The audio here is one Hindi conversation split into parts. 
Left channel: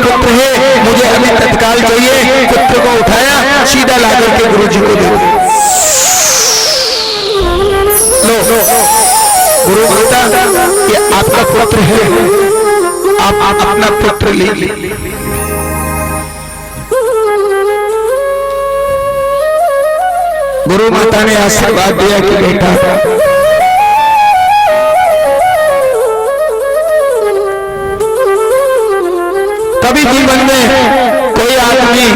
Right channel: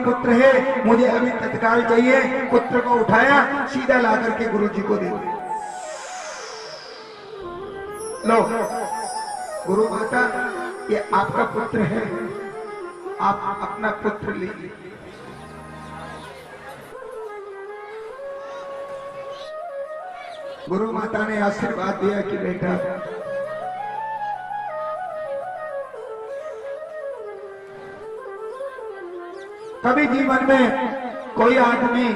पुत्र है, मुझे अभी तत्काल चाहिए। पुत्र को उठाया, सीधा लाकर के गुरु जी को दे दिया। लो गुरु माता, ये आपका पुत्र है, आप अपना पुत्र ले लीजिए। गुरु माता ने आशीर्वाद दिया कि बेटा कभी जीवन में कोई आदमी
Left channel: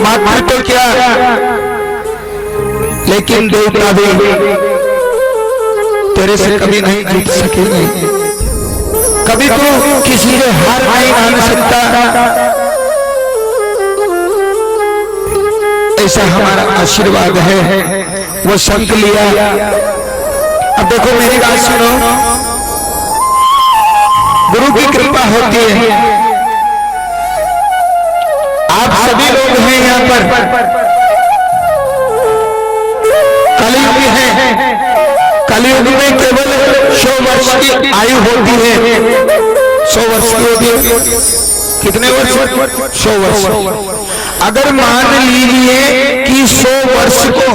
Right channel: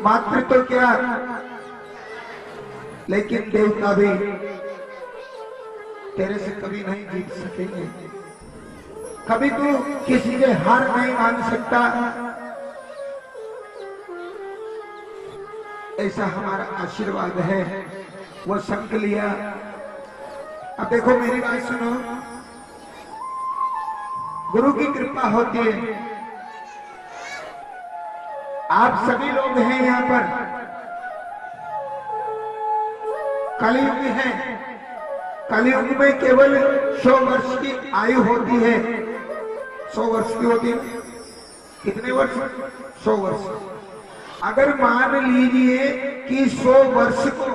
मात्र तो क्या, लेकिन देवता भी तेरे से कभी नहीं जीत सकेंगे। कभी तो किसी से हार नहीं मान सकता, ऐसा हमारा आशीर्वाद है। वो संत लिया। अब देखो मेरी बात सुनो, गुरु की कृपा होती है। आप सभी लोग हैं यहाँ पर, कलयुग है। कलयुग में केवल 100 वर्ष की आयु होती है। 100 वर्ष की होती है। कितने वर्ष? 100 वर्ष। अगर मान लीजिए कि 100 वर्ष को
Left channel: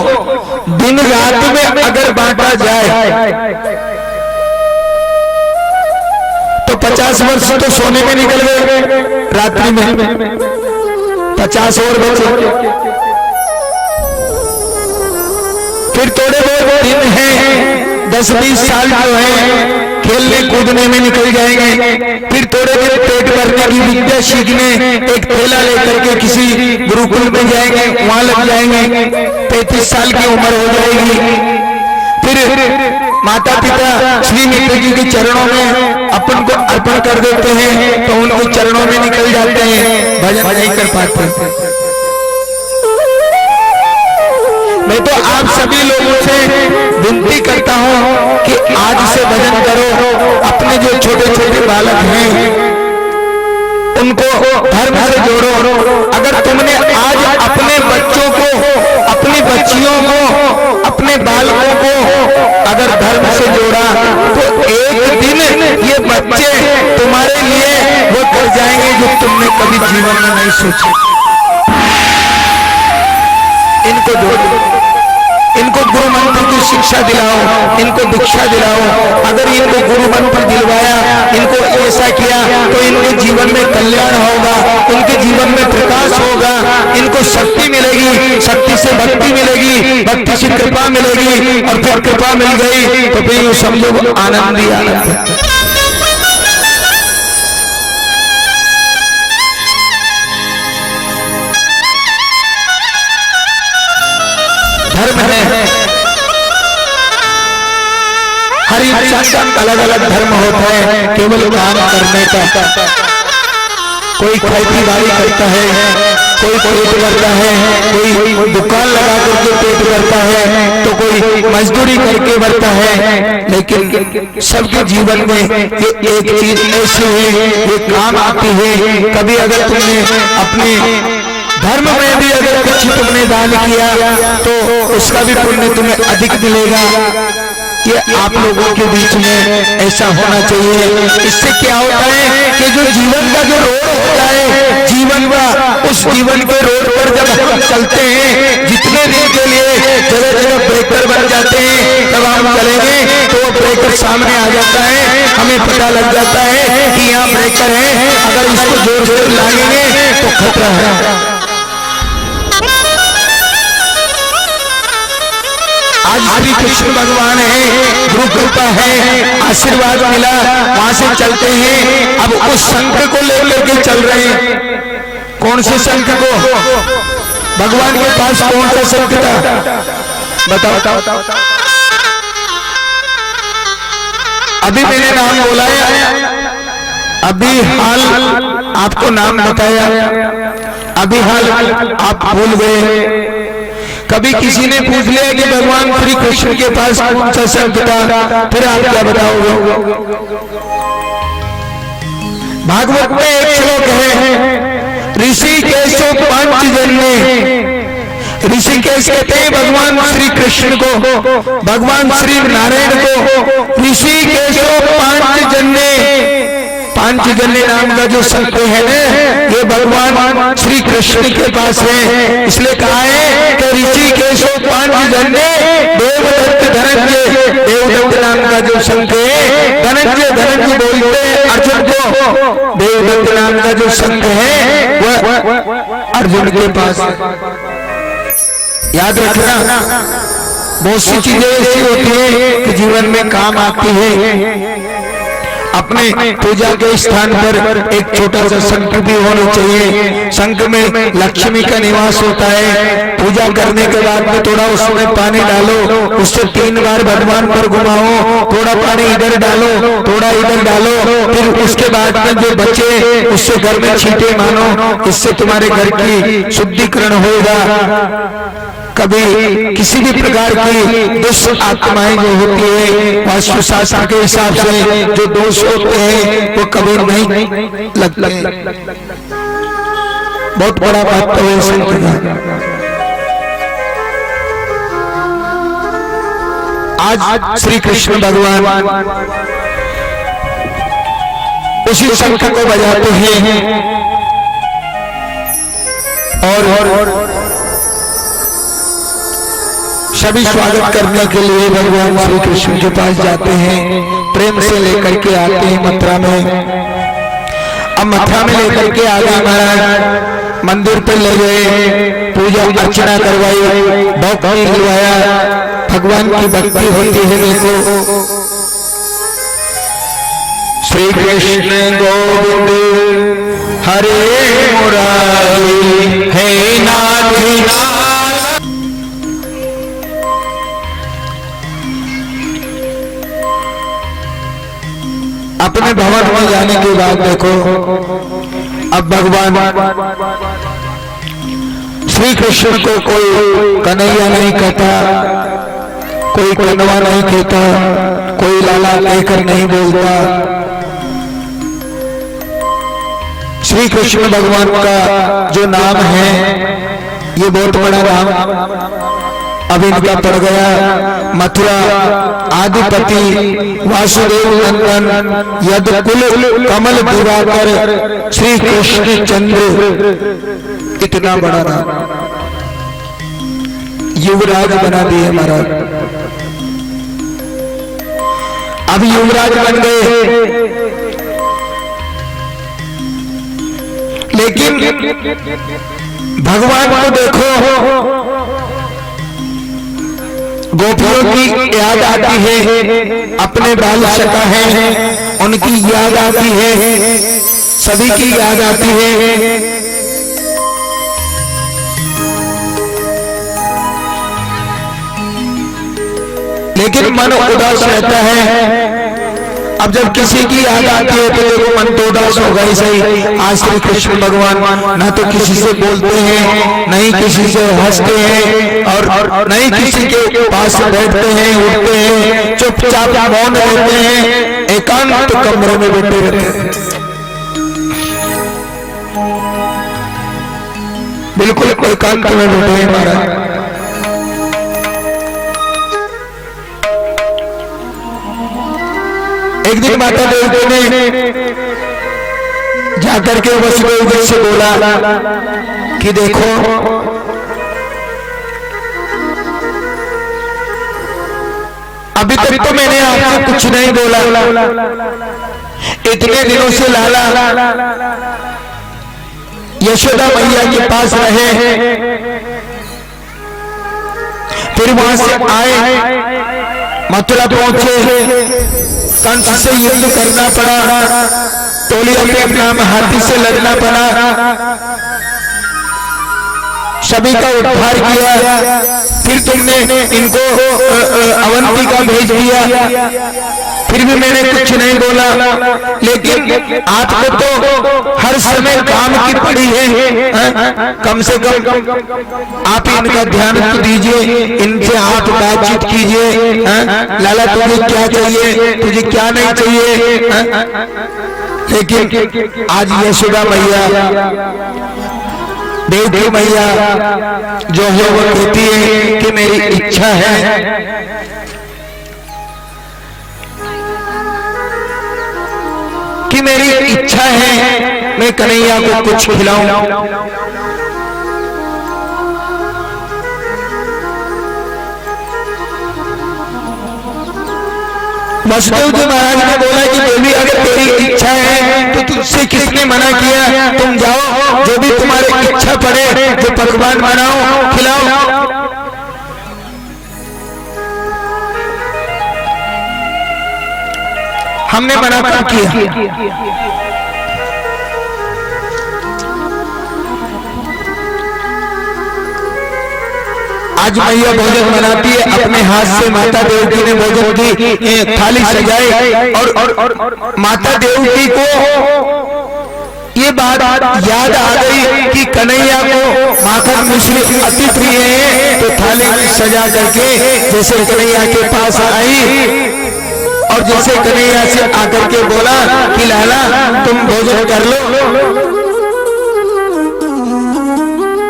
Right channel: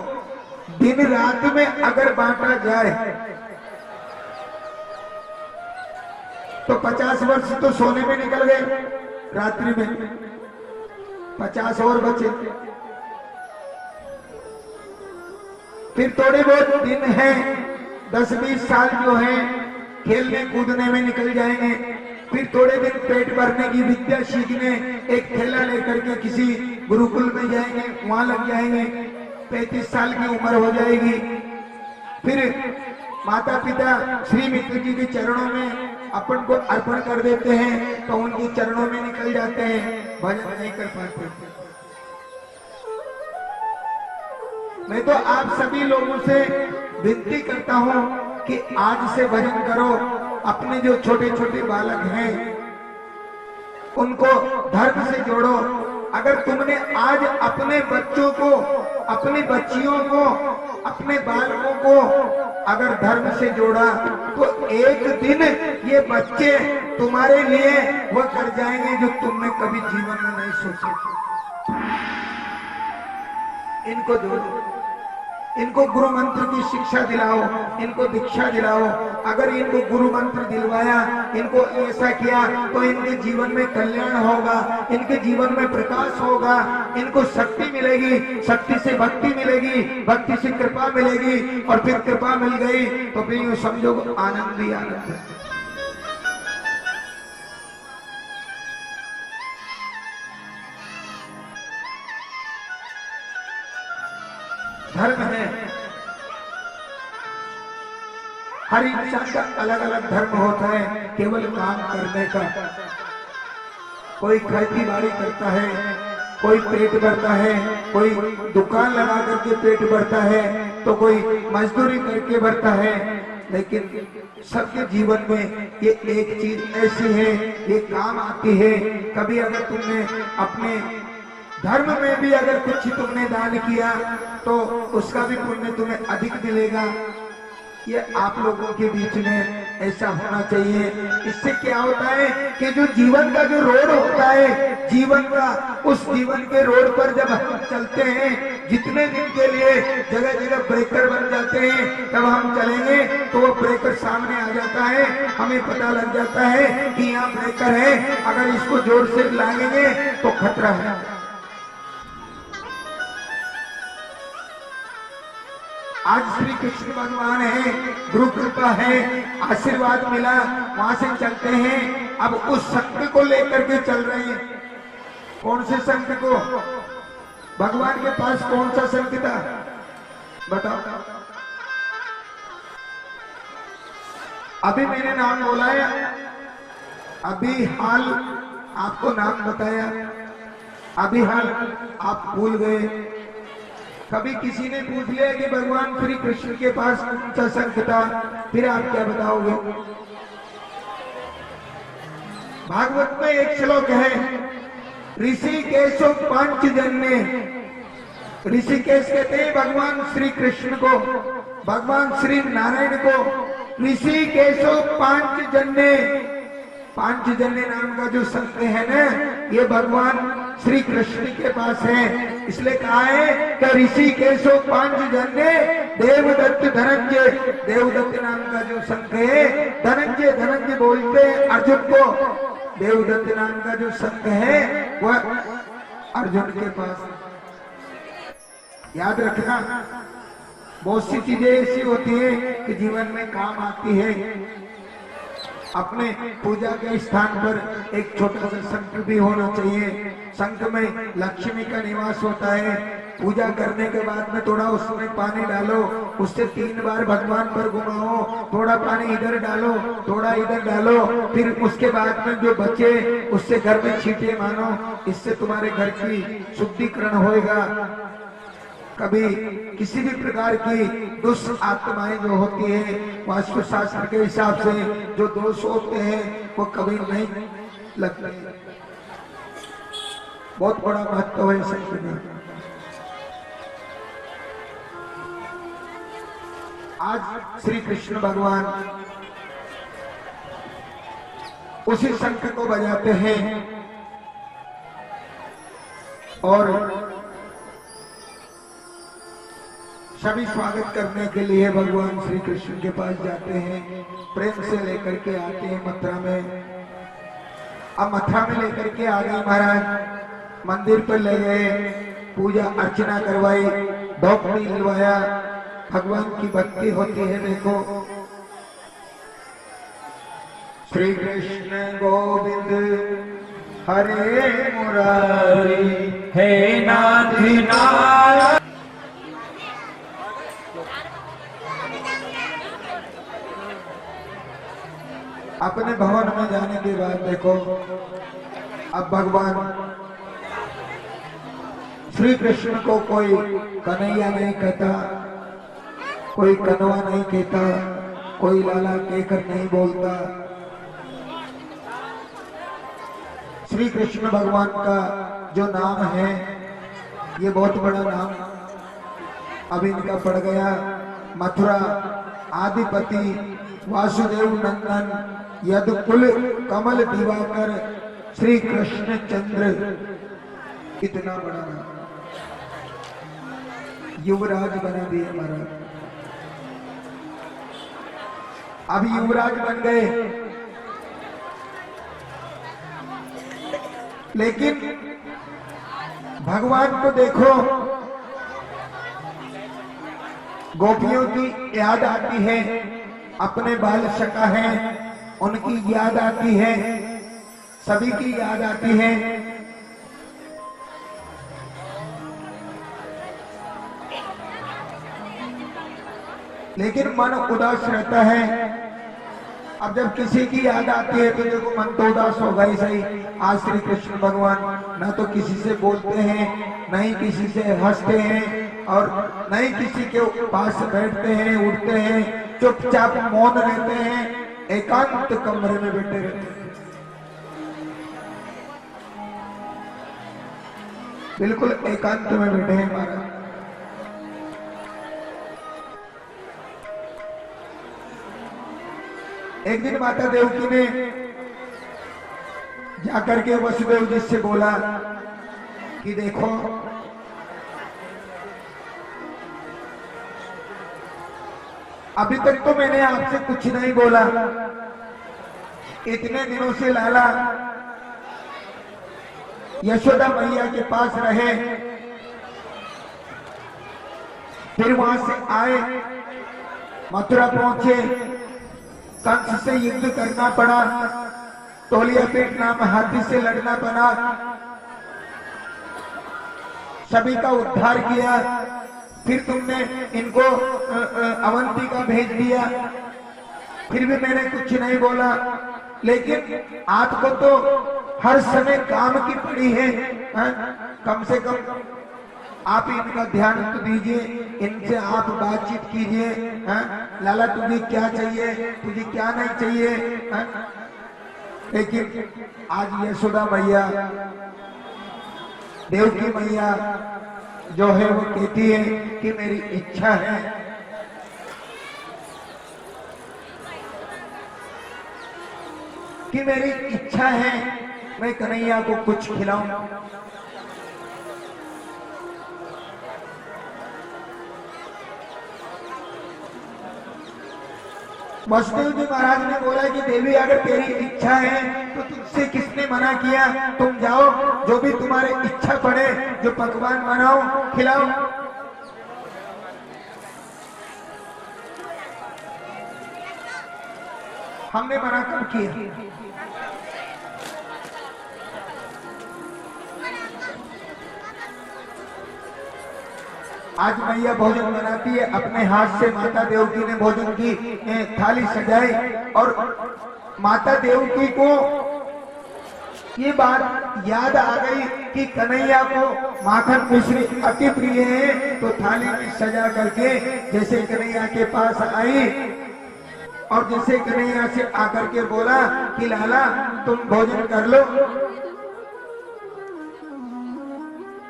दिन रात में अगर बांटा जाए तो 50 वर्ष तो सोने में निकल गए रात्रि में, 50 और बचे। फिर थोड़े बहुत दिन हैं, 10-20 साल जो है खेलने कूदने में निकल जाएंगे। फिर थोड़े दिन पेट भरने की विद्या सीखने एक थैला लेकर के किसी गुरुकुल में जाएंगे, वहां लग जाएंगे। 35 साल की उम्र हो जाएगी। फिर माता पिता श्री मित्र जी के चरणों में अपन को अर्पण कर देते हैं, तो उनके चरणों में निकल जाते हैं, भजन नहीं कर पाते। मैं तो आप सभी लोगों से विनती करता हूं कि आज से भजन करो। अपने जो छोटे छोटे बालक हैं उनको धर्म से जोड़ो। अगर तुमने आज अपने बच्चों को, अपनी बच्चियों को, अपने बालकों को अगर धर्म से जोड़ा तो एक दिन ये बच्चे तुम्हारे लिए वो कर जाएंगे जो तुमने कभी जीवन में नहीं सोचा। इनको जोड़ो, इनको गुरु मंत्र की शिक्षा दिलाओ, इनको दीक्षा दिलाओ। अगर इनको गुरु मंत्र दिलवाया, इनको ऐसा किया तो इनके जीवन में कल्याण होगा, उनके जीवन में प्रकाश होगा, इनको शक्ति मिलेगी, शक्ति से भक्ति मिलेगी, भक्ति से कृपा मिलेगी, और फिर कृपा मिल गई तो फिर समझो आनंद ही आनंद है। धर्म है, हर इंसान का अलग अलग धर्म होता है। केवल काम करने का, कोई खेती बाड़ी करता है, कोई पेट करता है, कोई दुकान लगा करके पेट करता है, तो कोई मजदूरी करके बढ़ता है। लेकिन सबके जीवन में ये एक चीज ऐसी है, ये काम आती है। कभी अगर तुमने अपने धर्म में भी अगर कुछ तुमने दान किया तो उसका भी पुण्य तुम्हें अधिक मिलेगा। ये आप लोगों के बीच में ऐसा होना चाहिए। इससे क्या होता है कि जो जीवन का जो रोड होता है, जीवन का, उस जीवन के रोड पर जब हम चलते हैं, जितने दिन के लिए जगह जगह ब्रेकर बन जाते हैं, जब हम चलेंगे तो वो ब्रेकर सामने आ जाता है, हमें पता लग जाता है कि यहाँ ब्रेकर है, अगर इसको जोर से लागेंगे तो खतरा है। आज श्री कृष्ण भगवान है, गुरु कृपा है, आशीर्वाद मिला, वहां से चलते हैं। अब उस संत को लेकर के चल रहे हैं। कौन से संत को? भगवान के पास कौन सा संत था? बताओ। अभी मैंने नाम बोला है, अभी हाल आपको नाम बताया, अभी हाल आप भूल गए। कभी किसी ने पूछ लिया कि भगवान श्री कृष्ण के पास कौन सा संत था, फिर आप क्या बताओगे? भागवत में एक श्लोक है, ऋषिकेश पंचजन्य। ऋषिकेश कहते हैं भगवान श्री कृष्ण को, भगवान श्री नारायण को ऋषिकेश पंचजन्य। पांचजन्य नाम का जो शंख है ना, ये भगवान श्री कृष्ण के पास है। इसलिए कहा है कि ऋषिकेश पांचजन्य देवदत्त धनंजय, देवदत्त नाम का जो शंख है, धनंजय धनंजय बोलते अर्जुन को, देवदत्त नाम का जो शंख है वह अर्जुन के पास है। याद रखना, बहुत सी चीजें ऐसी होती है कि जीवन में काम आती है। अपने पूजा के स्थान पर एक छोटा सा शंख भी होना चाहिए। शंख में लक्ष्मी का निवास होता है। पूजा करने के बाद में थोड़ा उसमें पानी डालो, उससे 3 बार भगवान पर घुमाओ, थोड़ा पानी इधर डालो, थोड़ा इधर डालो, फिर उसके बाद में जो बचे उससे घर में छींटे मानो, इससे तुम्हारे घर की शुद्धिकरण होगा। कभी किसी भी प्रकार की दुष्ट आत्माएं जो होती है, वास्तु शास्त्र के हिसाब से जो दोष होते हैं वो कभी नहीं लगते। बहुत बड़ा बात तो है शंख का। आज श्री कृष्ण भगवान उसी शंख को बजाते हैं और सभी स्वागत करने के लिए भगवान श्री कृष्ण के पास जाते हैं, प्रेम से लेकर के आते हैं मथुरा में। अब मथुरा में लेकर के आ गए महाराज, मंदिर पे ले गए, पूजा अर्चना करवाई, भक्ति दिलवाया, भगवान की भक्ति होती है। देखो श्री कृष्ण गोविंद हरे मुरारी हे नाथ। अपने भवन में जाने के बाद देखो, अब भगवान श्री कृष्ण को कोई कन्हैया नहीं कहता, कोई कन्हवा नहीं कहता, कोई लाला कहकर नहीं बोलता। श्री कृष्ण भगवान का जो नाम है ये बहुत बड़ा नाम अब इनका पड़ गया। मथुरा आदिपति वासुदेव नंदन यद कुल कमल दिवाकर श्री कृष्ण चंद्र, इतना बड़ा नाम युवराज बना दिए महाराज। अब युवराज बन गए, लेकिन भगवान को देखो, गोपियों की याद आती है, अपने बाल सखा है उनकी याद आती है, सभी की याद आती है। लेकिन मन उदास रहता है। अब जब किसी की याद आती है तो देखो मन तो उदास होगा ही सही। आज श्री कृष्ण भगवान न तो किसी से बोलते हैं, नहीं किसी से हंसते हैं, और नहीं किसी के पास बैठते हैं, उठते हैं, चुपचाप मौन रहते हैं, एकांत कमरे में बैठे रहते हैं। बिल्कुल एकांत में बैठे हैं महाराज। एक दिन माता देवकी ने जाकर के वसुदेव जी से बोला कि देखो अभी तक तो मैंने आपसे कुछ नहीं बोला, इतने दिनों से लाला यशोदा मैया के पास रहे, फिर वहां से आए, मथुरा पहुंचे, कंस से युद्ध करना पड़ा, टोलियों पे अपना हाथी से लड़ना पड़ा, सभी का उद्धार किया, फिर तुमने इनको अवंतिका भेज दिया, फिर भी मैंने कुछ नहीं बोला। लेकिन आपको तो हर समय काम की पड़ी है, कम से कम आप इनका ध्यान तो दीजिए, इनसे आप बातचीत कीजिए। लाला तुझे क्या चाहिए, तुझे क्या नहीं चाहिए। लेकिन आज यशोदा मैया, देवकी मैया जो है वो कहती है कि मेरी इच्छा है कि कि मेरी इच्छा है मैं कन्हैया को कुछ खिलाऊं। वसुदेव जी महाराज ने बोला कि देवी अगर तेरी इच्छा है तो तुझसे किसने मना किया, तुम जाओ जो भी तुम्हारी इच्छा पड़े जो पकवान बनाओ खिलाओ। हमने मना क्यों किया? आज मैया भोजन बनाती है अपने हाथ से, माता देवकी ने भोजन की थाली सजाई और माता देवकी को ये बात याद आ गई कि कन्हैया को माखन मिश्री अति प्रिय है, तो थाली सजा करके जैसे कन्हैया के पास आई और जैसे कन्हैया से आकर के बोला कि लाला तुम भोजन कर लो,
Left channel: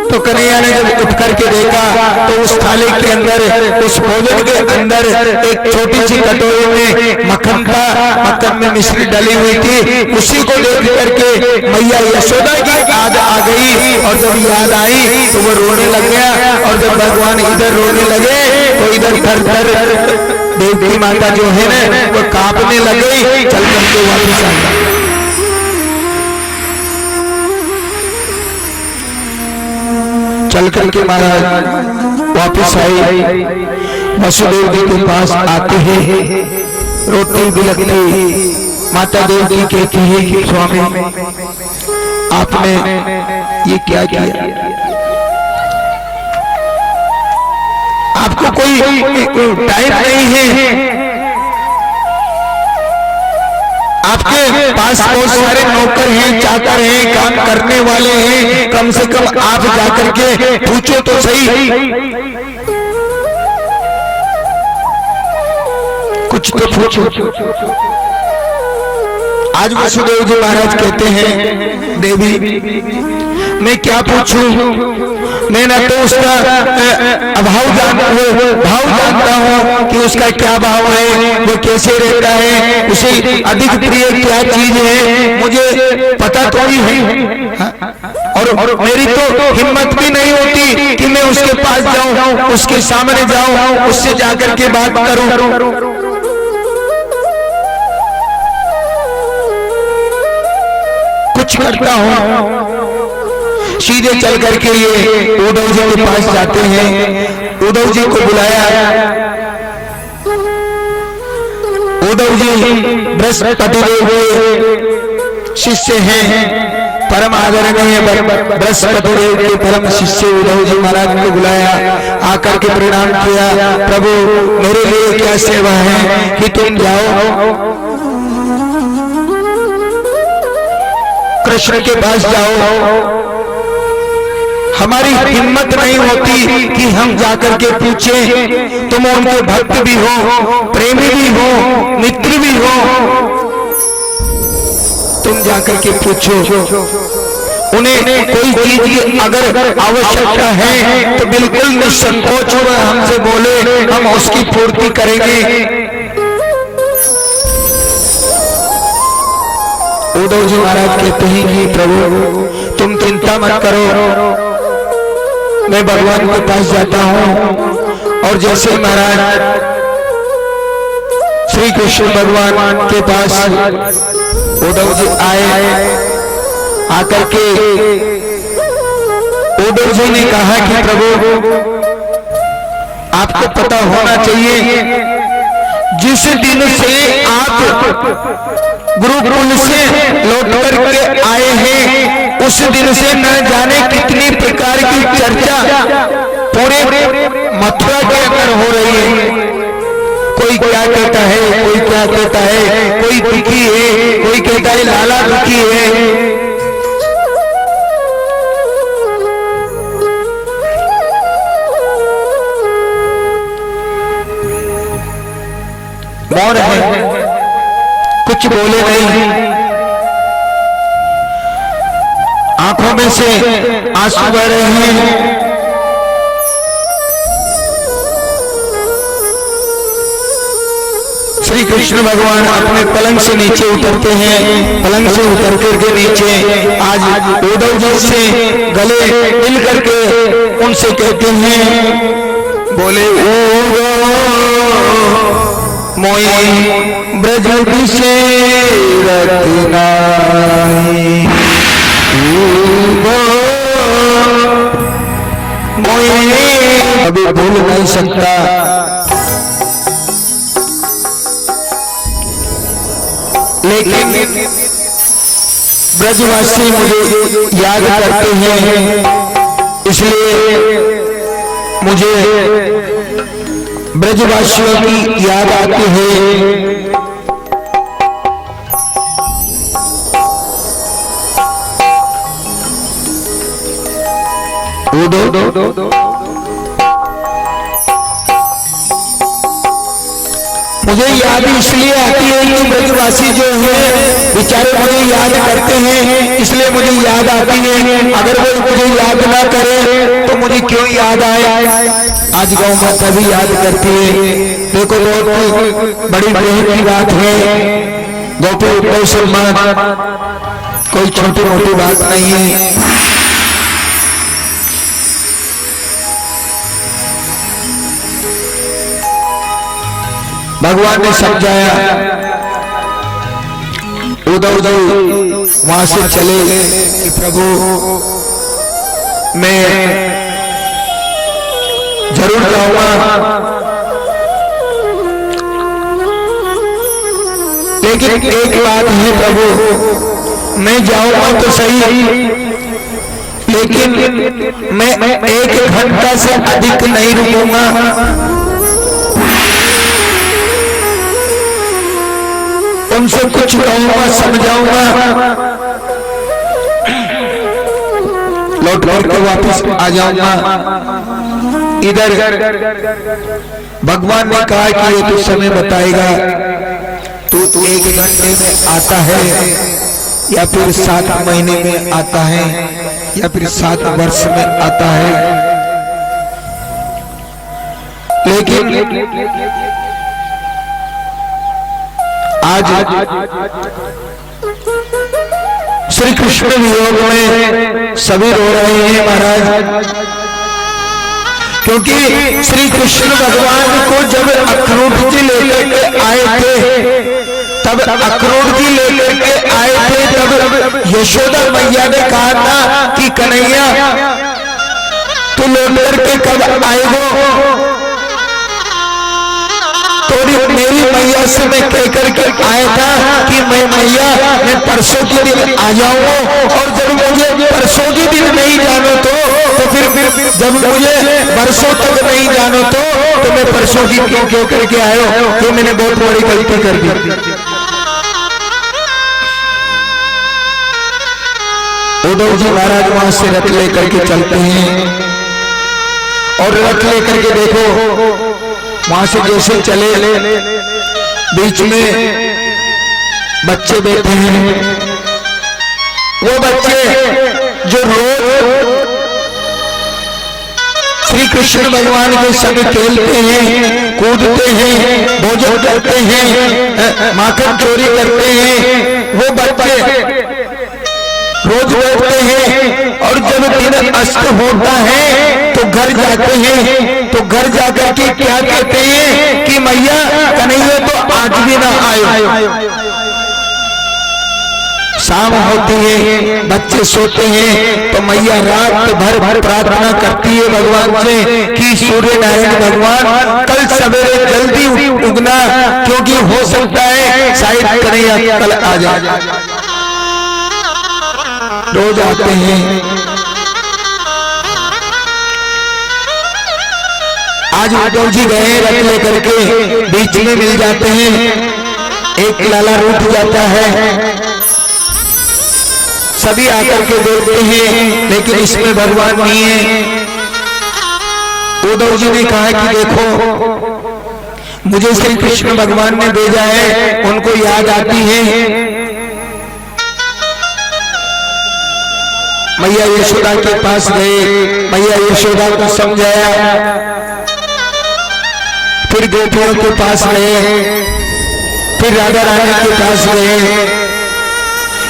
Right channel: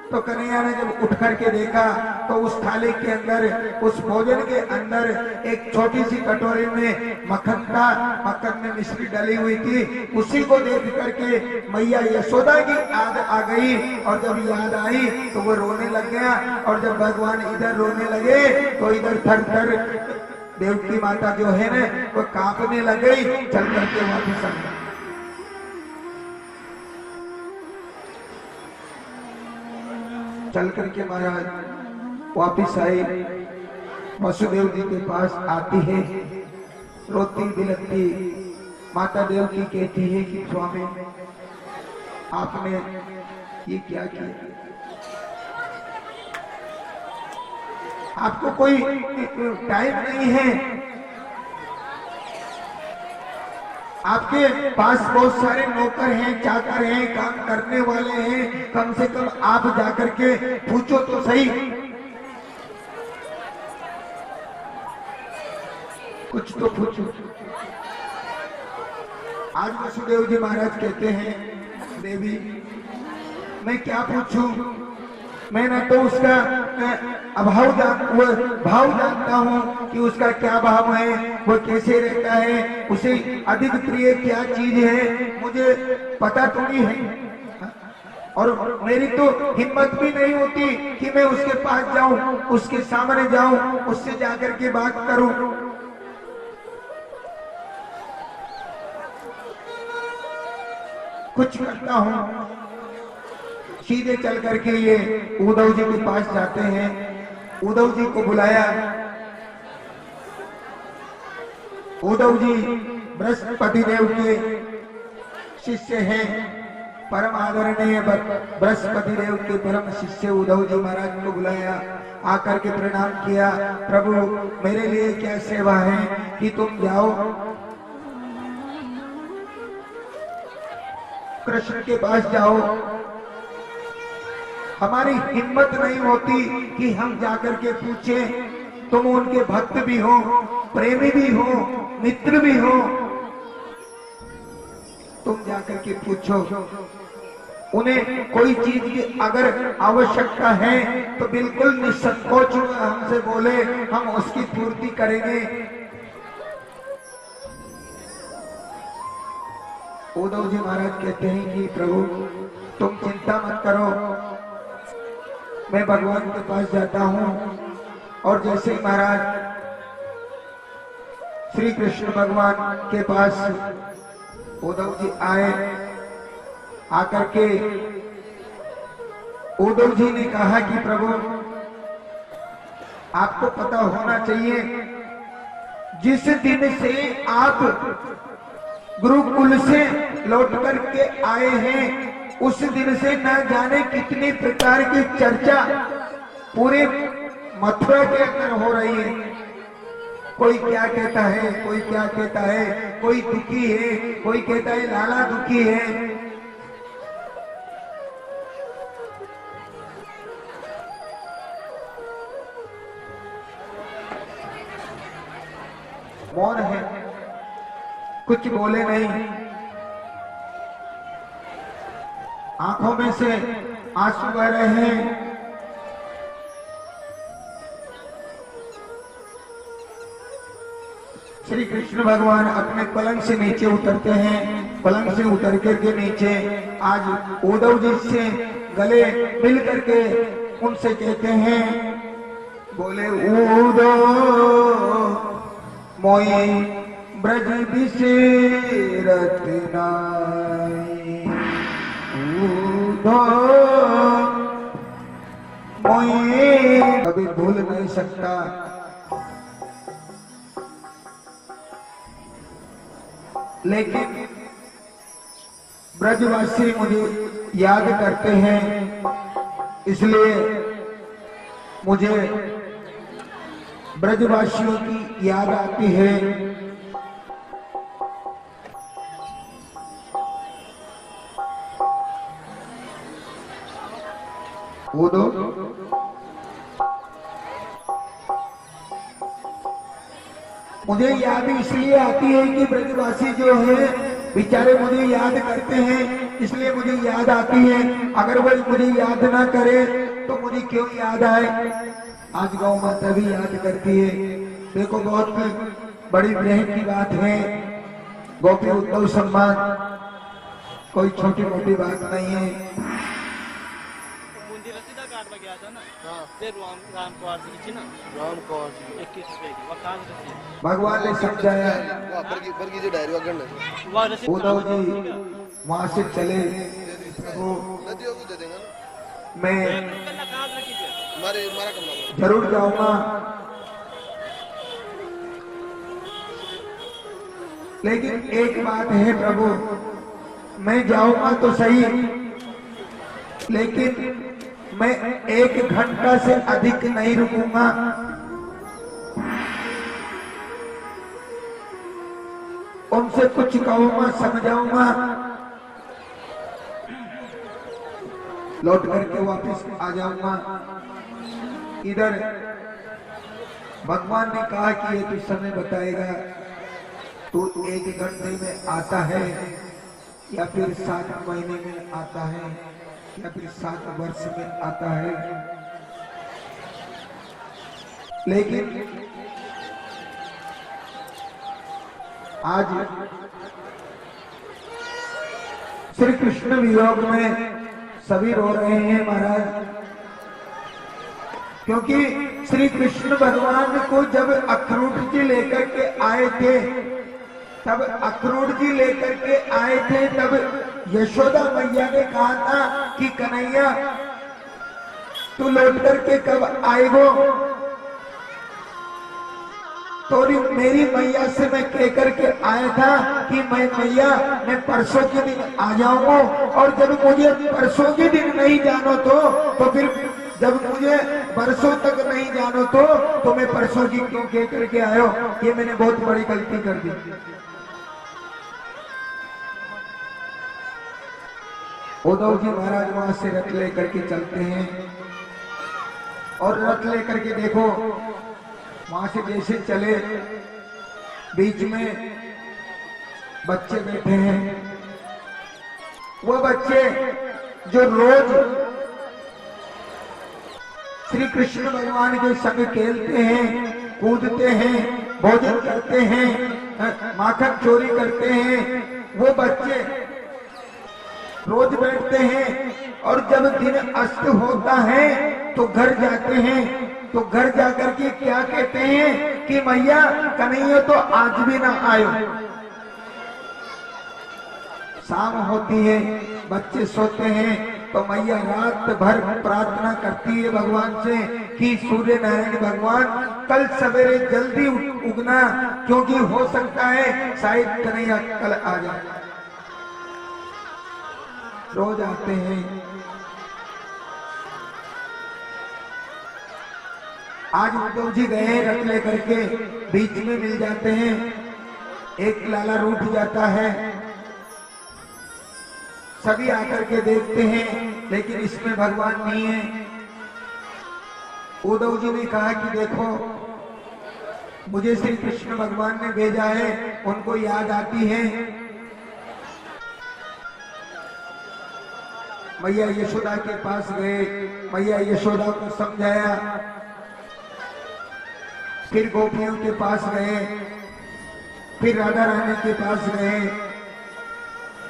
तो कन्हैया ने जब उठ करके देखा तो उस थाली के अंदर, उस भोजन के अंदर एक छोटी सी कटोरी में मक्खन था, मक्खन में मिश्री डली हुई थी। उसी को देख करके मैया यशोदा की याद आ गई और जब याद आई तो वो रोने लग गया और जब भगवान इधर रोने लगे तो इधर थर थर देवकी माता जो है ना वो कांपने लग गई। चल करके वापस आ गई। चल करके महाराज वापस आई, वसुदेव जी के पास आते हैं, रोटी भी लगती। माता देवकी कहती है कि स्वामी आपने ये क्या किया? आपको कोई टाइम नहीं है, आपके पास बहुत सारे नौकर हैं, चाकर हैं, काम करने वाले हैं, कम से कम आप जाकर के पूछो तो सही, कुछ तो पूछो। आज वसुदेव जी महाराज कहते हैं देवी मैं क्या पूछूं, मैं ना तो उसका भाव जानता हूँ कि उसका क्या भाव है, वो कैसे रहता है, उसे अधिक प्रिय क्या चीज है मुझे पता तो ही है। और मेरी तो हिम्मत भी नहीं होती कि मैं उसके पास जाऊं, उसके सामने जाऊं, उससे जाकर के बात करूं। कुछ करता हूं, सीधे चल करके ये उद्धव जी के पास जाते हैं। उद्धव जी को बुलाया, उद्धव जी बृहस्पति देव शिष्य हैं, परम आदरणीय बृहस्पति देव के परम शिष्य उद्धव जी महाराज को बुलाया, आकर के प्रणाम किया। प्रभु मेरे लिए क्या सेवा है कि तुम जाओ कृष्ण के पास जाओ, हमारी हिम्मत नहीं होती कि हम जाकर के पूछें, तुम उनके भक्त भी हो, प्रेमी भी हो, मित्र भी हो, तुम जाकर के पूछो। उन्हें कोई चीज की अगर आवश्यकता है तो बिल्कुल निसंकोच हो हमसे बोले, हम उसकी पूर्ति करेंगे। उद्धव जी महाराज कहते हैं कि प्रभु तुम चिंता मत करो, मैं भगवान के पास जाता हूँ। और जैसे महाराज श्री कृष्ण भगवान के पास उद्धव जी आए, आकर के उद्धव जी ने कहा कि प्रभु आपको पता होना चाहिए, जिस दिन से आप गुरुकुल से लौट करके आए हैं उस दिन से न जाने कितनी प्रकार की चर्चा पूरे मथुरा के अंदर हो रही है। कोई क्या कहता है, कोई क्या कहता है, कोई दुखी है, कोई कहता है लाला दुखी है। मौन है, कुछ बोले नहीं, आंखों में से आंसू बह रहे हैं। श्री कृष्ण भगवान अपने पलंग से नीचे उतरते हैं। पलंग से उतर करके नीचे आज उद्धव जी से गले मिल करके उनसे कहते हैं, बोले मोई ब्रज अभी भूल नहीं सकता। लेकिन ब्रजवासी मुझे याद करते हैं, इसलिए मुझे ब्रजवासियों की याद आती है। मुझे याद इसलिए आती है कि ब्रजवासी जो है बेचारे मुझे याद करते हैं, इसलिए मुझे याद आती है। अगर वो मुझे याद ना करे तो मुझे क्यों याद आए। आज गौ माता भी याद करती है। देखो बहुत बड़ी बड़ी की बात है। गोपी उत्सव सम्मान कोई छोटी मोटी बात नहीं है। भगवान ने समझाया, उद्धव वहां से चले कि प्रभु मैं जरूर जाऊंगा, लेकिन एक बात है प्रभु, मैं जाऊंगा तो सही, लेकिन मैं 1 घंटा से अधिक नहीं रुकूंगा। उनसे कुछ कहूंगा, समझाऊंगा, लौट के वापस आ जाऊंगा। इधर भगवान ने कहा कि ये तो समय बताएगा, तू 1 घंटे में आता है या फिर 7 महीने में आता है या फिर 7 वर्ष में आता है। लेकिन आज श्री कृष्ण वियोग में सभी रो रहे हैं महाराज, क्योंकि श्री कृष्ण भगवान को जब अखरोट जी लेकर के आए थे, तब अखरोट जी लेकर के आए थे, तब यशोदा मैया ने कहा था कि कन्हैया तू लौट करके कब आएगो। तो मेरी मैया से मैं कह करके आया था कि मैं मैया मैं परसों के दिन आ जाऊंगा, और जब मुझे परसों के दिन नहीं जानो तो फिर जब मुझे बरसों तक नहीं जानो तो मैं परसों की क्यों करके आयो, तो मैंने बहुत बड़ी गलती कर दी। उद्धव जी महाराज वहां से रथ लेकर के चलते हैं, और रथ लेकर के देखो वहां से जैसे चले, बीच में बच्चे बैठे हैं। वो बच्चे जो रोज श्री कृष्ण भगवान के संग खेलते हैं, कूदते हैं, भोजन करते हैं, माखन चोरी करते हैं, वो बच्चे रोज बैठते हैं। और जब दिन अस्त होता है तो घर जाते हैं, तो घर जाकर के क्या कहते हैं कि मैया कन्हैया तो आज भी ना आए। शाम होती है, बच्चे सोते हैं, तो मैया रात भर प्रार्थना करती है भगवान से कि सूर्य नारायण भगवान कल सवेरे जल्दी उगना, क्योंकि हो सकता है शायद कन्हैया कल आ जाए। रोज आते हैं। आज उद्धव जी गए रथ लेकर के, बीच में मिल जाते हैं, एक लाला रूठ जाता है, सभी आकर के देखते हैं, लेकिन इसमें भगवान नहीं है। उद्धव जी ने कहा कि देखो मुझे श्री कृष्ण भगवान ने भेजा है, उनको याद आती है। मैया यशोदा के पास गए, मैया यशोदा को समझाया, फिर गोपियों के पास गए, फिर राधा रानी के पास गए,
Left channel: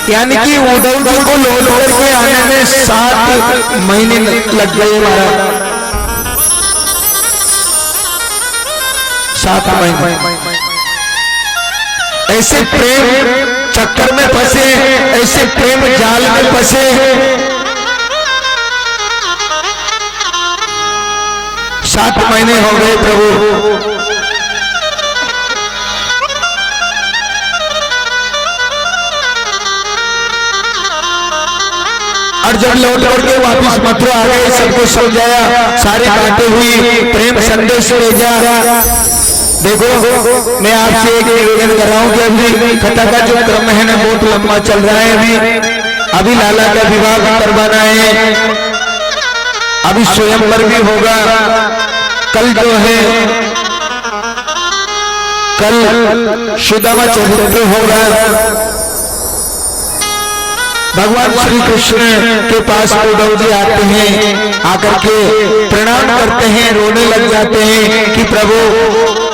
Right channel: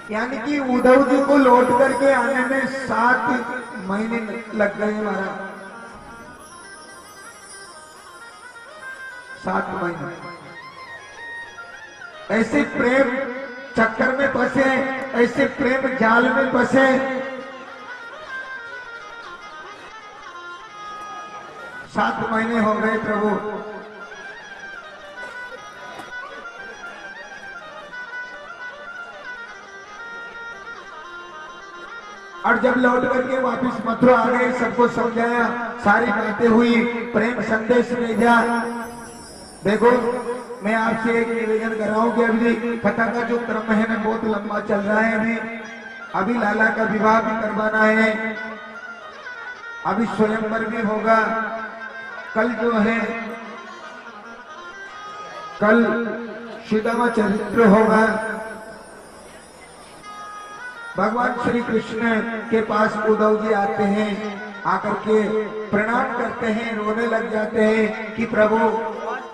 यानी कि उद्धव जी को लौट करके आने में 7 महीने लग गए महाराज। 7 महीने ऐसे प्रेम चक्कर में फंसे, ऐसे प्रेम जाल में फंसे। 7 महीने हो गए प्रभु। और जब लौट के वापस मथुरा आ गए, सबको समझाया, सारी बातें हुई, प्रेम संदेश भेजा। देखो मैं आपसे एक निवेदन कर रहा हूँ कि अभी कथा का जो क्रम है ना बहुत लंबा चल रहा है। अभी लाला का विवाह करवाना है, अभी स्वयंवर भी होगा। कल जो है कल सुदामा चरित्र होगा। भगवान श्री कृष्ण के पास उद्धव जी आते हैं, आकर के प्रणाम करते हैं, रोने लग जाते हैं कि प्रभु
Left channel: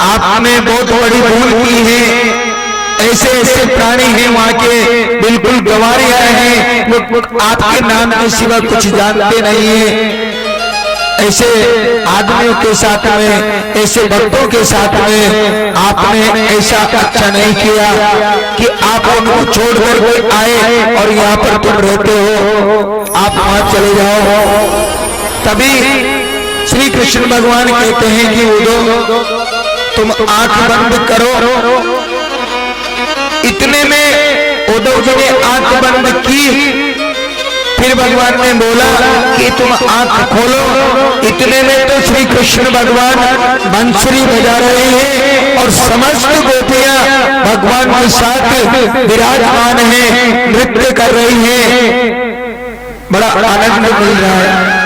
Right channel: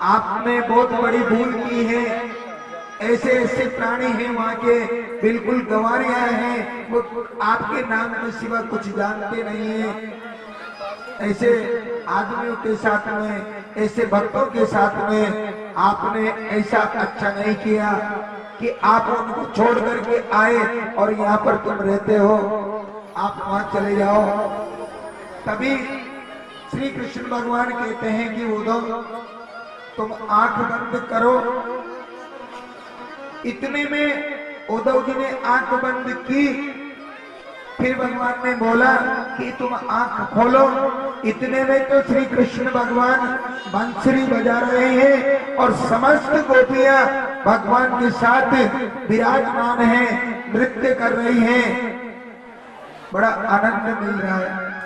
आपने बहुत बड़ी भूल की है। ऐसे ऐसे प्राणी हैं वहाँ के, बिल्कुल गंवारिया हैं, वो आपके नाम के सिवा कुछ जानते नहीं है। ऐसे आदमियों के साथ में, ऐसे भक्तों के साथ में आपने ऐसा अच्छा नहीं किया कि आप उनको छोड़ कर आए और यहाँ पर तुम रहते हो, आप वहां चले जाओ। तभी श्री कृष्ण भगवान कहते हैं कि उद्धव तुम आंख बंद करो। इतने में उद्धव जी ने आंख बंद की, फिर भगवान ने बोला कि तुम आंख खोलो। इतने में तो श्री कृष्ण भगवान बंसुरी बजा रहे हैं और समस्त गोपियां भगवान के साथ विराजमान हैं, नृत्य कर रही हैं। बड़ा आनंद मिल रहा है।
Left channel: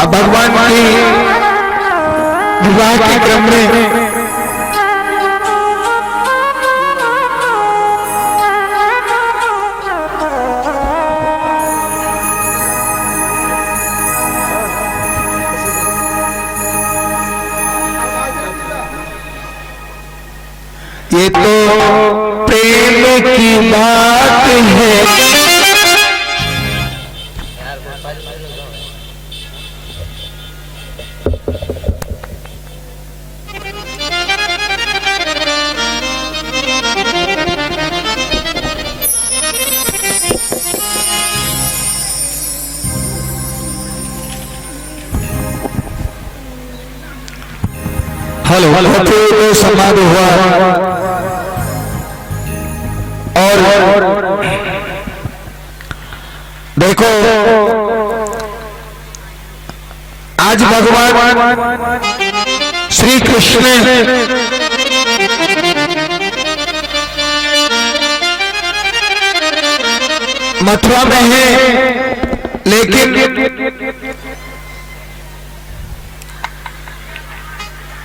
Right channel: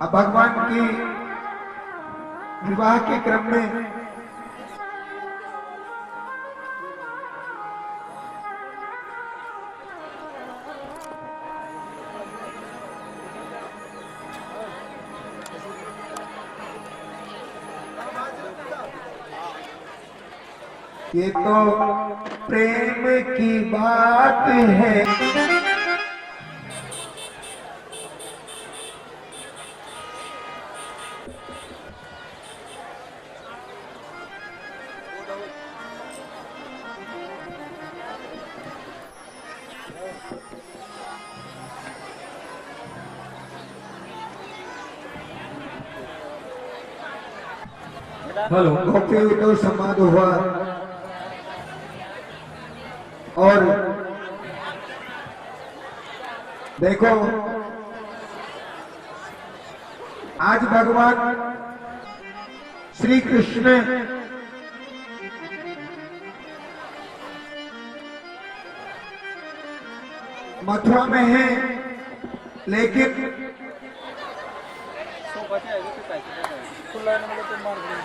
अब भगवान की विवाह के क्रम में ये तो प्रेम की बात है। हेलो तो समारोह हुआ और देखो आज भगवान श्री कृष्ण मथुरा में है, लेकिन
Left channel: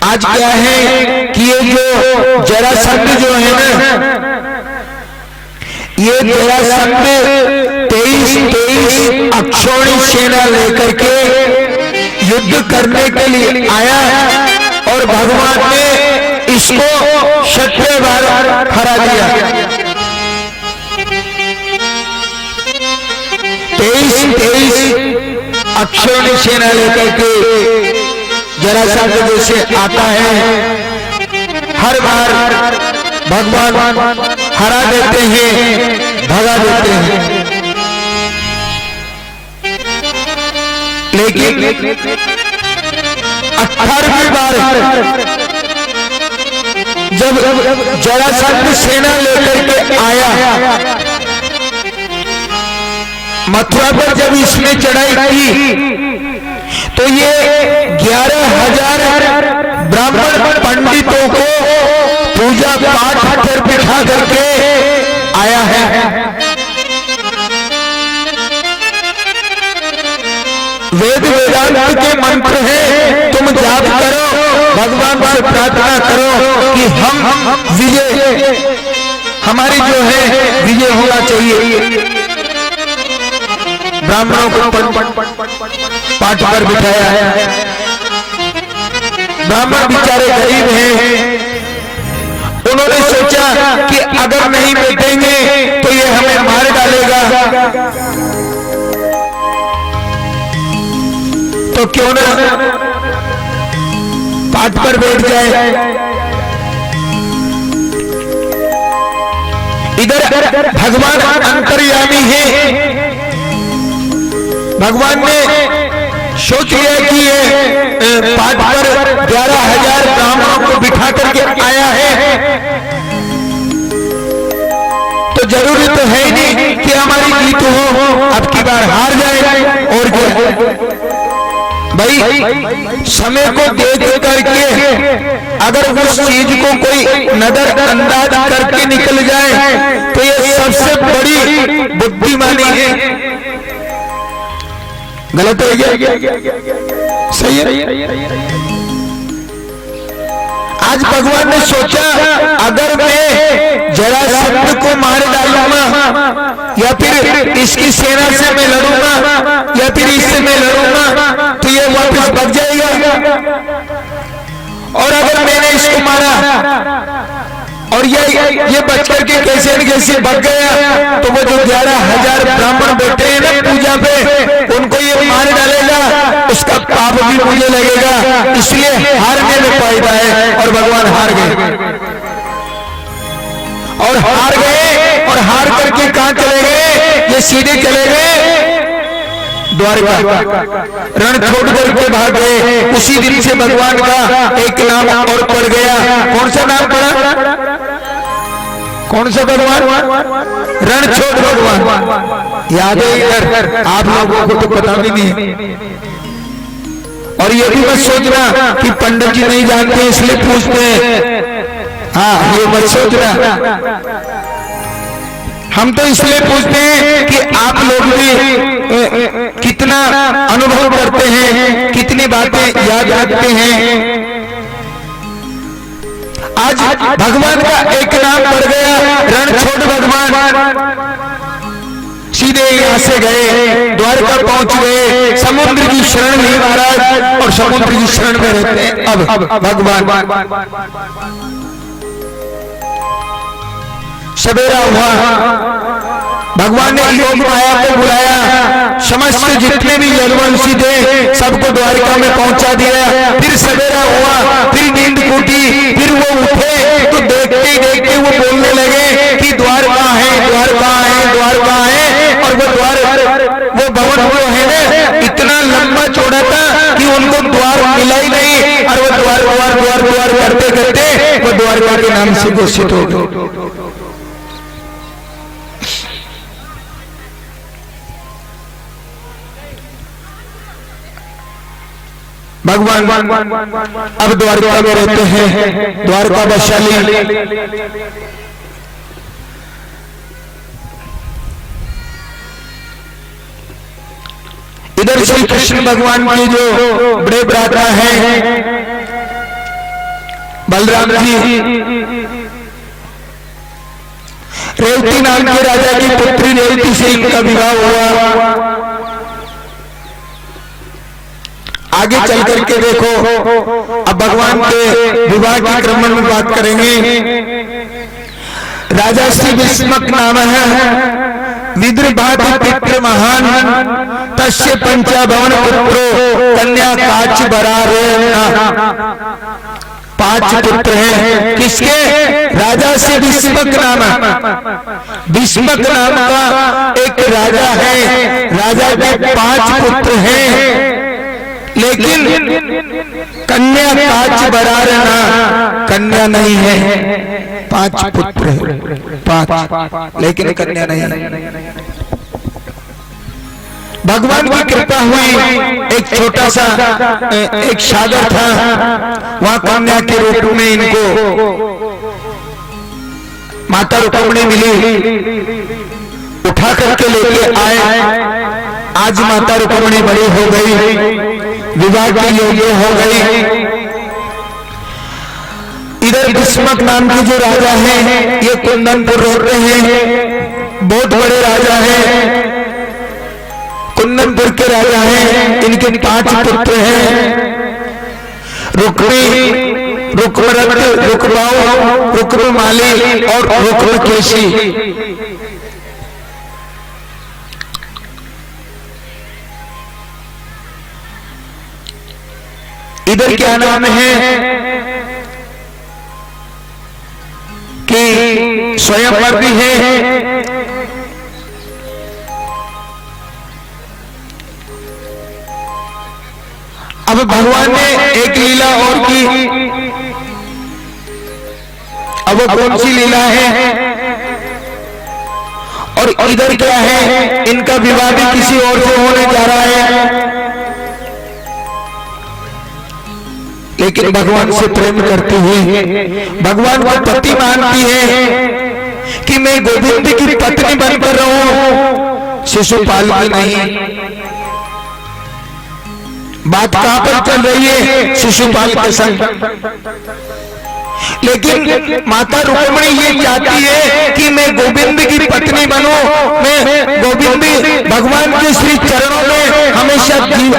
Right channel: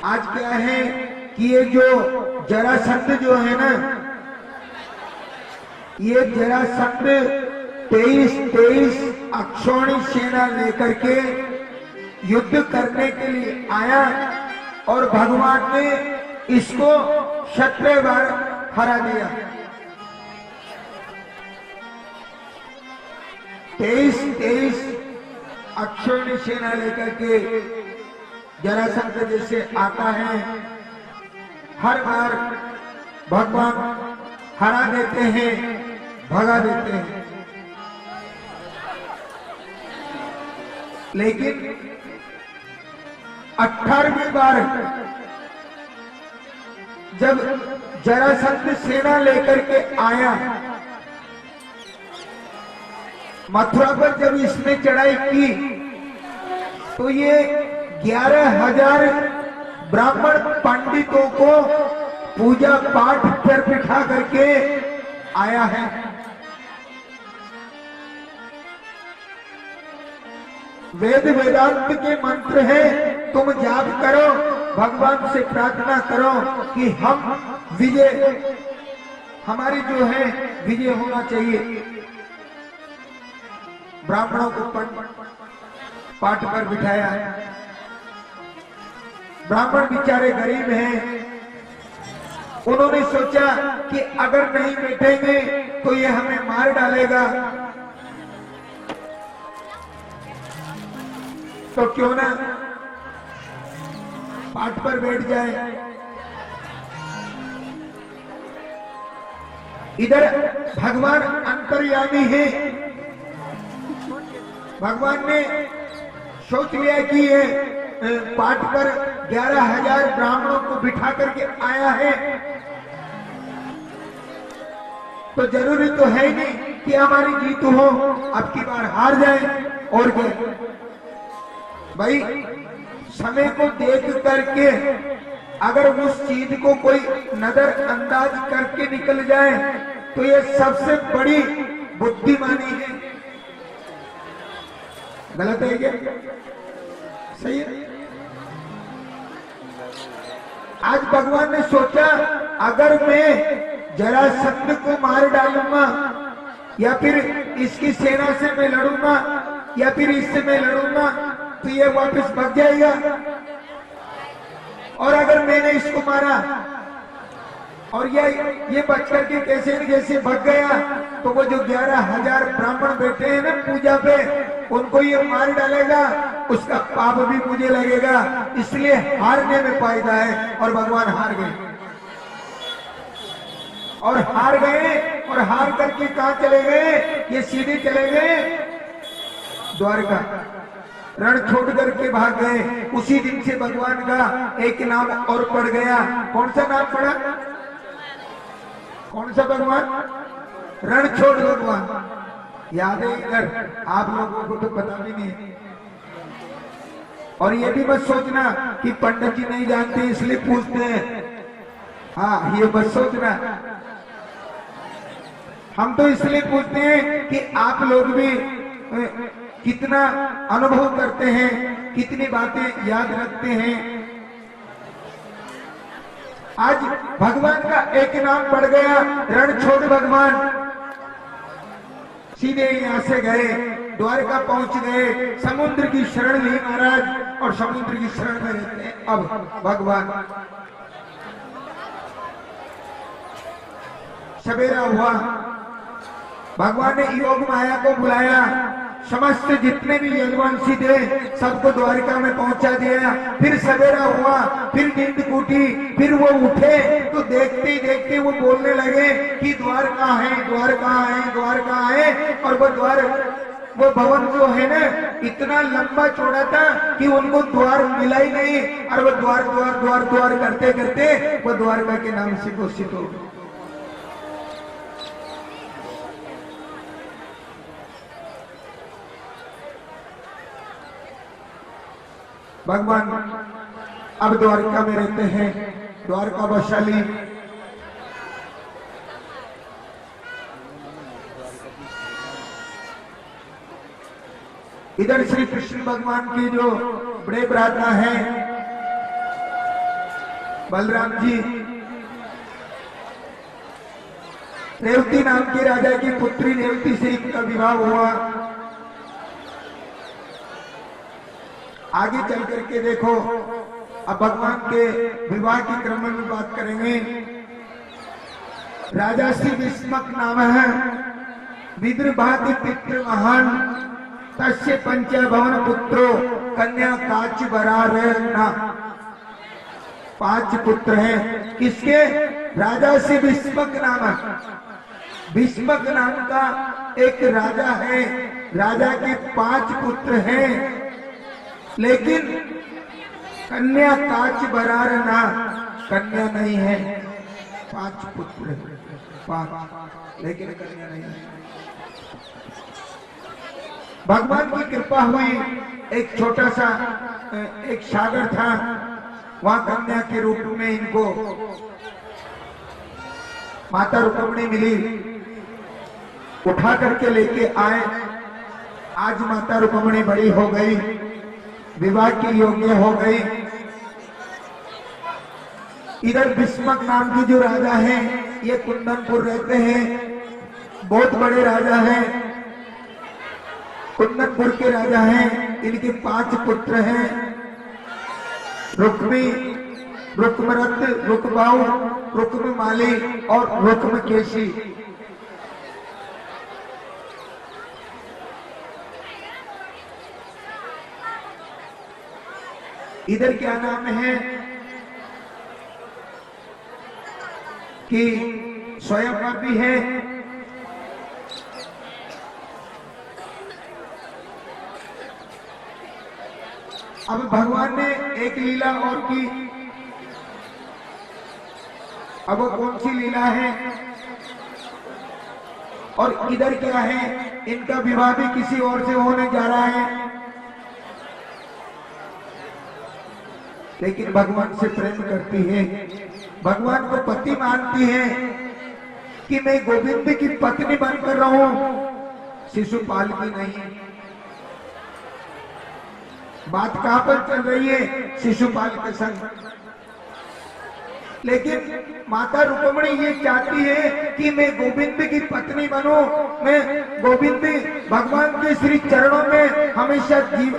आज क्या है कि ये जो जरासंध जो है ना, ये जरासंध 23 अक्षौणी सेना लेकर के युद्ध करने के लिए आया और भगवान ने इसको 6 बार हरा दिया। 23 अक्षौणी सेना लेकर के जरासंध जैसे आता है, हर बार भगवान हरा देते हैं, भगा देते हैं। लेकिन 18वीं बार जब जरासंध सेना लेकर के आया, मथुरा पर जब इसने चढ़ाई की तो ये 11,000 ब्राह्मण पंडितों को पूजा पाठ पर बिठा करके आया है। वेद वेदांत के मंत्र है, तुम जाप करो, भगवान से प्रार्थना करो कि हम विजय, हमारी जो है विजय होना चाहिए। ब्राह्मणों को पाठ पर बिठाया। ब्राह्मण बेचारे गरीब हैं, उन्होंने सोचा कि अगर नहीं बैठेंगे तो ये हमें मार डालेगा, तो क्यों ना पाठ पर बैठ जाए। इधर भगवान अंतर्यामी है, भगवान ने सोच लिया कि ये पाठ पर 11,000 ब्राह्मणों को बिठा करके आया है, तो जरूरी तो है ही नहीं कि हमारी जीत हो, अब की बार हार जाए। और क्या भाई, समय को देख करके अगर उस चीज को कोई नजरअंदाज करके निकल जाए तो ये सबसे बड़ी बुद्धिमानी है। गलत है क्या? सही है। आज भगवान ने सोचा अगर मैं जरासंध को मार डालूंगा या फिर इसकी सेना से मैं लड़ूंगा या फिर इससे मैं लड़ूंगा तो ये वापस भाग जाएगा, और अगर मैंने इसको मारा और ये बच करके कैसे न कैसे भाग गया तो वो जो 11,000 ब्राह्मण बैठे हैं ना पूजा पे, उनको ये मार डालेगा, उसका पाप भी मुझे लगेगा, इसलिए हारने में फायदा है। और भगवान हार गए, और हार करके कहां चले गए? ये सीधे चले गए द्वारका, रण छोड़ करके भाग गए। उसी दिन से भगवान का एक नाम और पड़ गया। कौन सा नाम पड़ा? कौन सा भगवान? रणछोड़ भगवान। याद है इधर? आप लोगों को तो पता भी नहीं। और ये भी मत सोचना कि पंडित जी नहीं जानते इसलिए पूछते हैं, हाँ ये मत सोचना। हम तो इसलिए पूछते हैं कि आप लोग भी कितना अनुभव करते हैं, कितनी बातें याद रखते हैं। आज भगवान का एक नाम पड़ गया, रणछोड़ भगवान। सीधे यहाँ से गए, द्वारका पहुंच गए, समुद्र की शरण में महाराज, और समुद्र की शरण में रहते हैं अब भगवान। सवेरा हुआ, भगवान ने योग माया को बुलाया, समस्त जितने भी यदुवंशी थे सबको द्वारका में पहुंचा दिया। फिर सवेरा हुआ, फिर नींद टूटी, फिर वो उठे तो देखते देखते वो बोलने लगे कि द्वार कहाँ है, द्वार कहाँ है, द्वार कहाँ है। और वो भवन वो है ना इतना लंबा चौड़ा था कि उनको द्वार मिला ही नहीं, और वो द्वार द्वार द्वार द्वार करते करते वो द्वारका के नाम से घोषित हो गए। भगवान अब द्वारका में रहते हैं, द्वारका वैशाली। इधर श्री कृष्ण भगवान के जो बड़े भ्राता हैं बलराम जी, रेवती नाम के राजा की पुत्री रेवती से इनका विवाह हुआ। आगे चल करके देखो, अब भगवान के विवाह के क्रम में बात करेंगे। राजा श्री विस्मक नाम है, विदर्भात पितृ महान, तस्य पंचाभवन पुत्रो कन्या काच बरारे। 5 पुत्र हैं किसके? राजा से विस्मक नाम, विस्मक नाम का एक राजा है, राजा के 5 पुत्र हैं, लेकिन कन्या काच बरारना, कन्या नहीं है। 5 पुत्र है, 5 लेकिन कन्या नहीं है। भगवान की कृपा हुई, एक छोटा सा एक सागर था, वहां कन्या के रूप में इनको माता रुक्मिणी मिली, उठा करके लेके आए। आज माता रुक्मिणी बड़ी हो गई, विवाह के योग्य हो गई। इधर विस्मक नाम के जो राजा हैं, ये कुंदनपुर रहते हैं, बहुत बड़े राजा हैं। जोधपुर के राजा हैं, इनके 5 पुत्र हैं, रुक्मी, रुक्मरथ, रुक्माऊ, रुक्ममाली और रुक्मकेशी। इधर क्या नाम है कि स्वयंवर भी है। अब भगवान ने एक लीला और की। अब वो कौन सी लीला है और इधर क्या है, इनका विवाह भी किसी और से होने जा रहा है, लेकिन भगवान से प्रेम करती हुई भगवान को पति मानती है कि मैं गोविंद की पत्नी बनकर रहूं, शिशुपाल की नहीं। बात कहां पर चल रही है, शिशुपाल के संग। लेकिन माता रुक्मिणी ये चाहती है कि मैं गोविंद की पत्नी बनूं, मैं गोविंद भगवान के श्री चरणों में हमेशा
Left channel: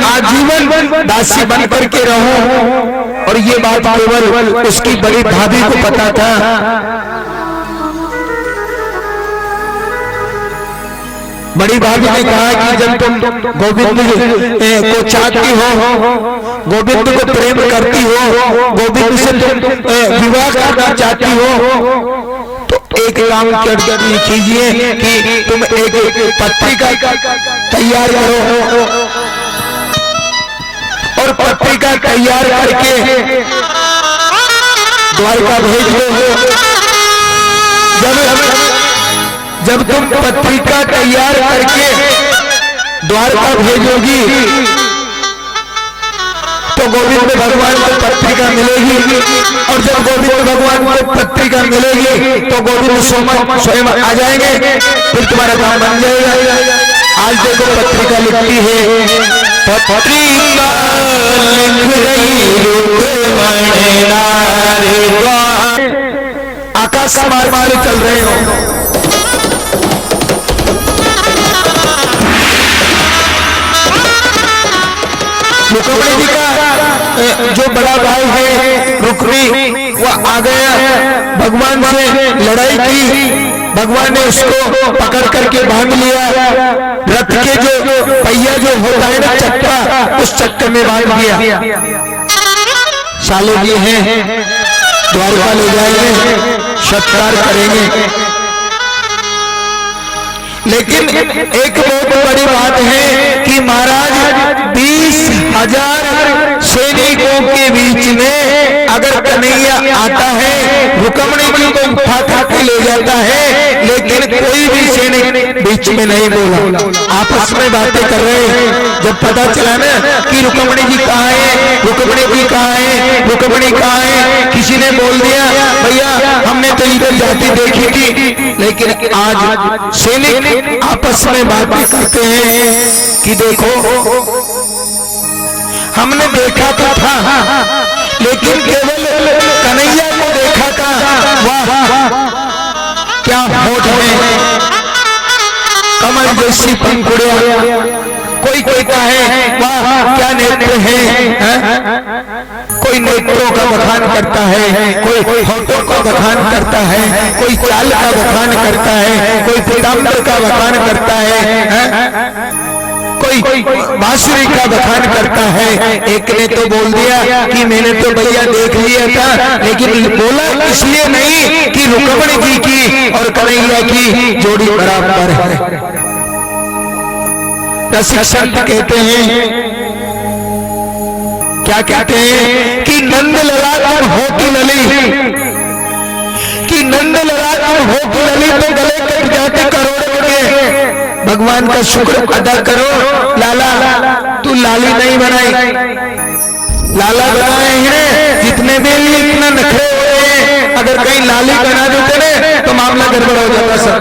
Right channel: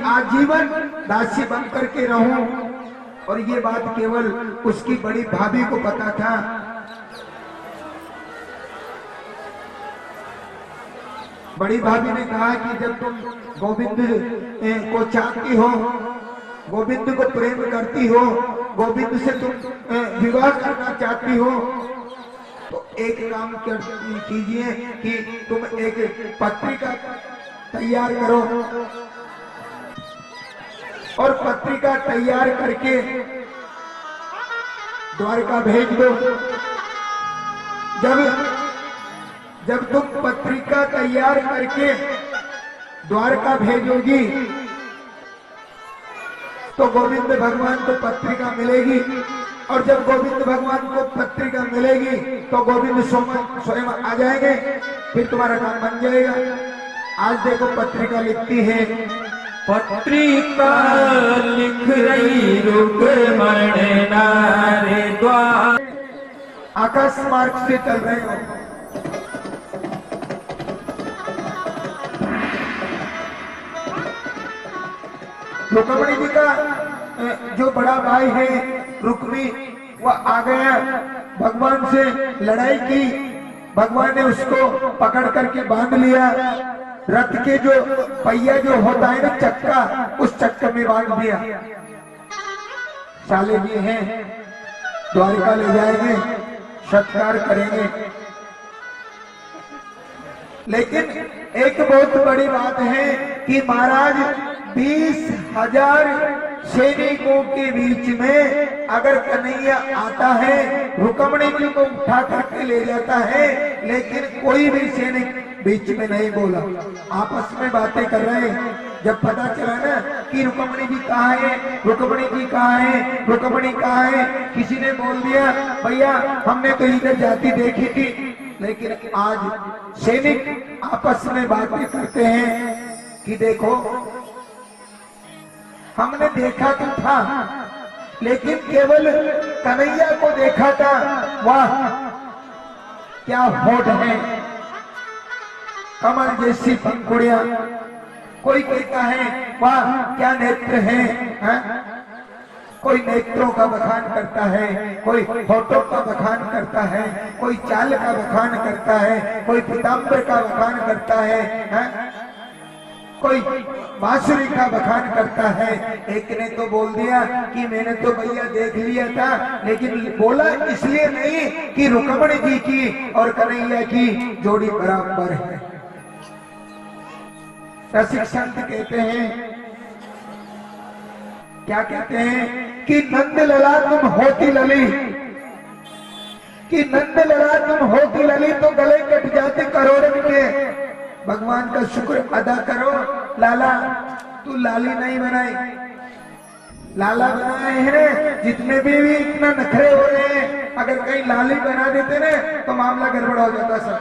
आजीवन दासी बन करके रहूं। और ये बात केवल उसकी बड़ी भाभी को पता था। बड़ी भाभी ने कहा कि जब तुम गोविंद को चाहती हो, गोविंद को प्रेम करती हो, गोविंद से तुम विवाह करना चाहती हो, तो एक काम कीजिए कि तुम एक पत्रिका तैयार करो और पत्रिका तैयार करके द्वारका भेज दो। जब तुम पत्रिका तैयार करके द्वारका भेजोगी तो गोविंद भगवान को पत्रिका मिलेगी, और जब गोविंद भगवान को पत्रिका मिलेगी तो गोविंद स्वयं आ जाएंगे, फिर तुम्हारा काम बन जाएगा। आज देखो पत्रिका लिखती है, पत्रिका लिख रही आकाश मार मारे चल रहे हो। रुक्मिणी जी का जो बड़ा भाई है रुक्मी, वो आ गया, भगवान से लड़ाई की, भगवान ने उसको पकड़ करके बांध लिया, रथ के जो पहिया जो होता है ना चक्का, उस चक्के में बांध दिया। साले जी हैं, द्वारका ले जाएंगे, सत्कार करेंगे। लेकिन एक बहुत बड़ी बात है कि महाराज 20,000 सैनिकों के बीच में अगर कन्हैया आता है, रुक्मिणी जी को उठा के ले जाता है, लेकिन कोई भी सैनिक बीच में नहीं बोला, आपस में बातें कर रहे हैं। जब पता चला ना कि रुक्मिणी जी कहाँ है, रुक्मिणी जी कहाँ है, रुक्मिणी कहाँ है, किसी ने बोल दिया भैया हमने तो इधर जाती देखी थी, लेकिन आज सैनिक आपस में बातें करते हैं कि देखो हमने देखा तो था, लेकिन केवल कन्हैया को देखा था। वाह क्या होठ है, कमल जैसी पंखुड़ियां, कोई कहता है वाह क्या नेत्र है, कोई नेत्रों का बखान करता है, कोई होठों का बखान करता है, कोई चाल का बखान करता है, कोई पीताम्बर का बखान करता है, कोई बांसुरी का बखान करता है। एक ने तो बोल दिया कि मैंने तो भैया देख लिया था, लेकिन बोला इसलिए नहीं कि रुक्मिणी जी की और कन्हैया की जोड़ी बराबर है। रसिक संत कहते हैं, क्या कहते हैं कि नंद लड़ा तुम हो की लली, कि नंद लड़ा तुम हो की लली तो गले कट जाते करोड़ों के। भगवान का शुक्र अदा करो, लाला तू लाली नहीं बनाई, लाला बनाए हैं, जितने भी इतना नखरे हो रहे हैं, अगर कहीं लाली बना देते तो मामला गड़बड़ हो जाता सब।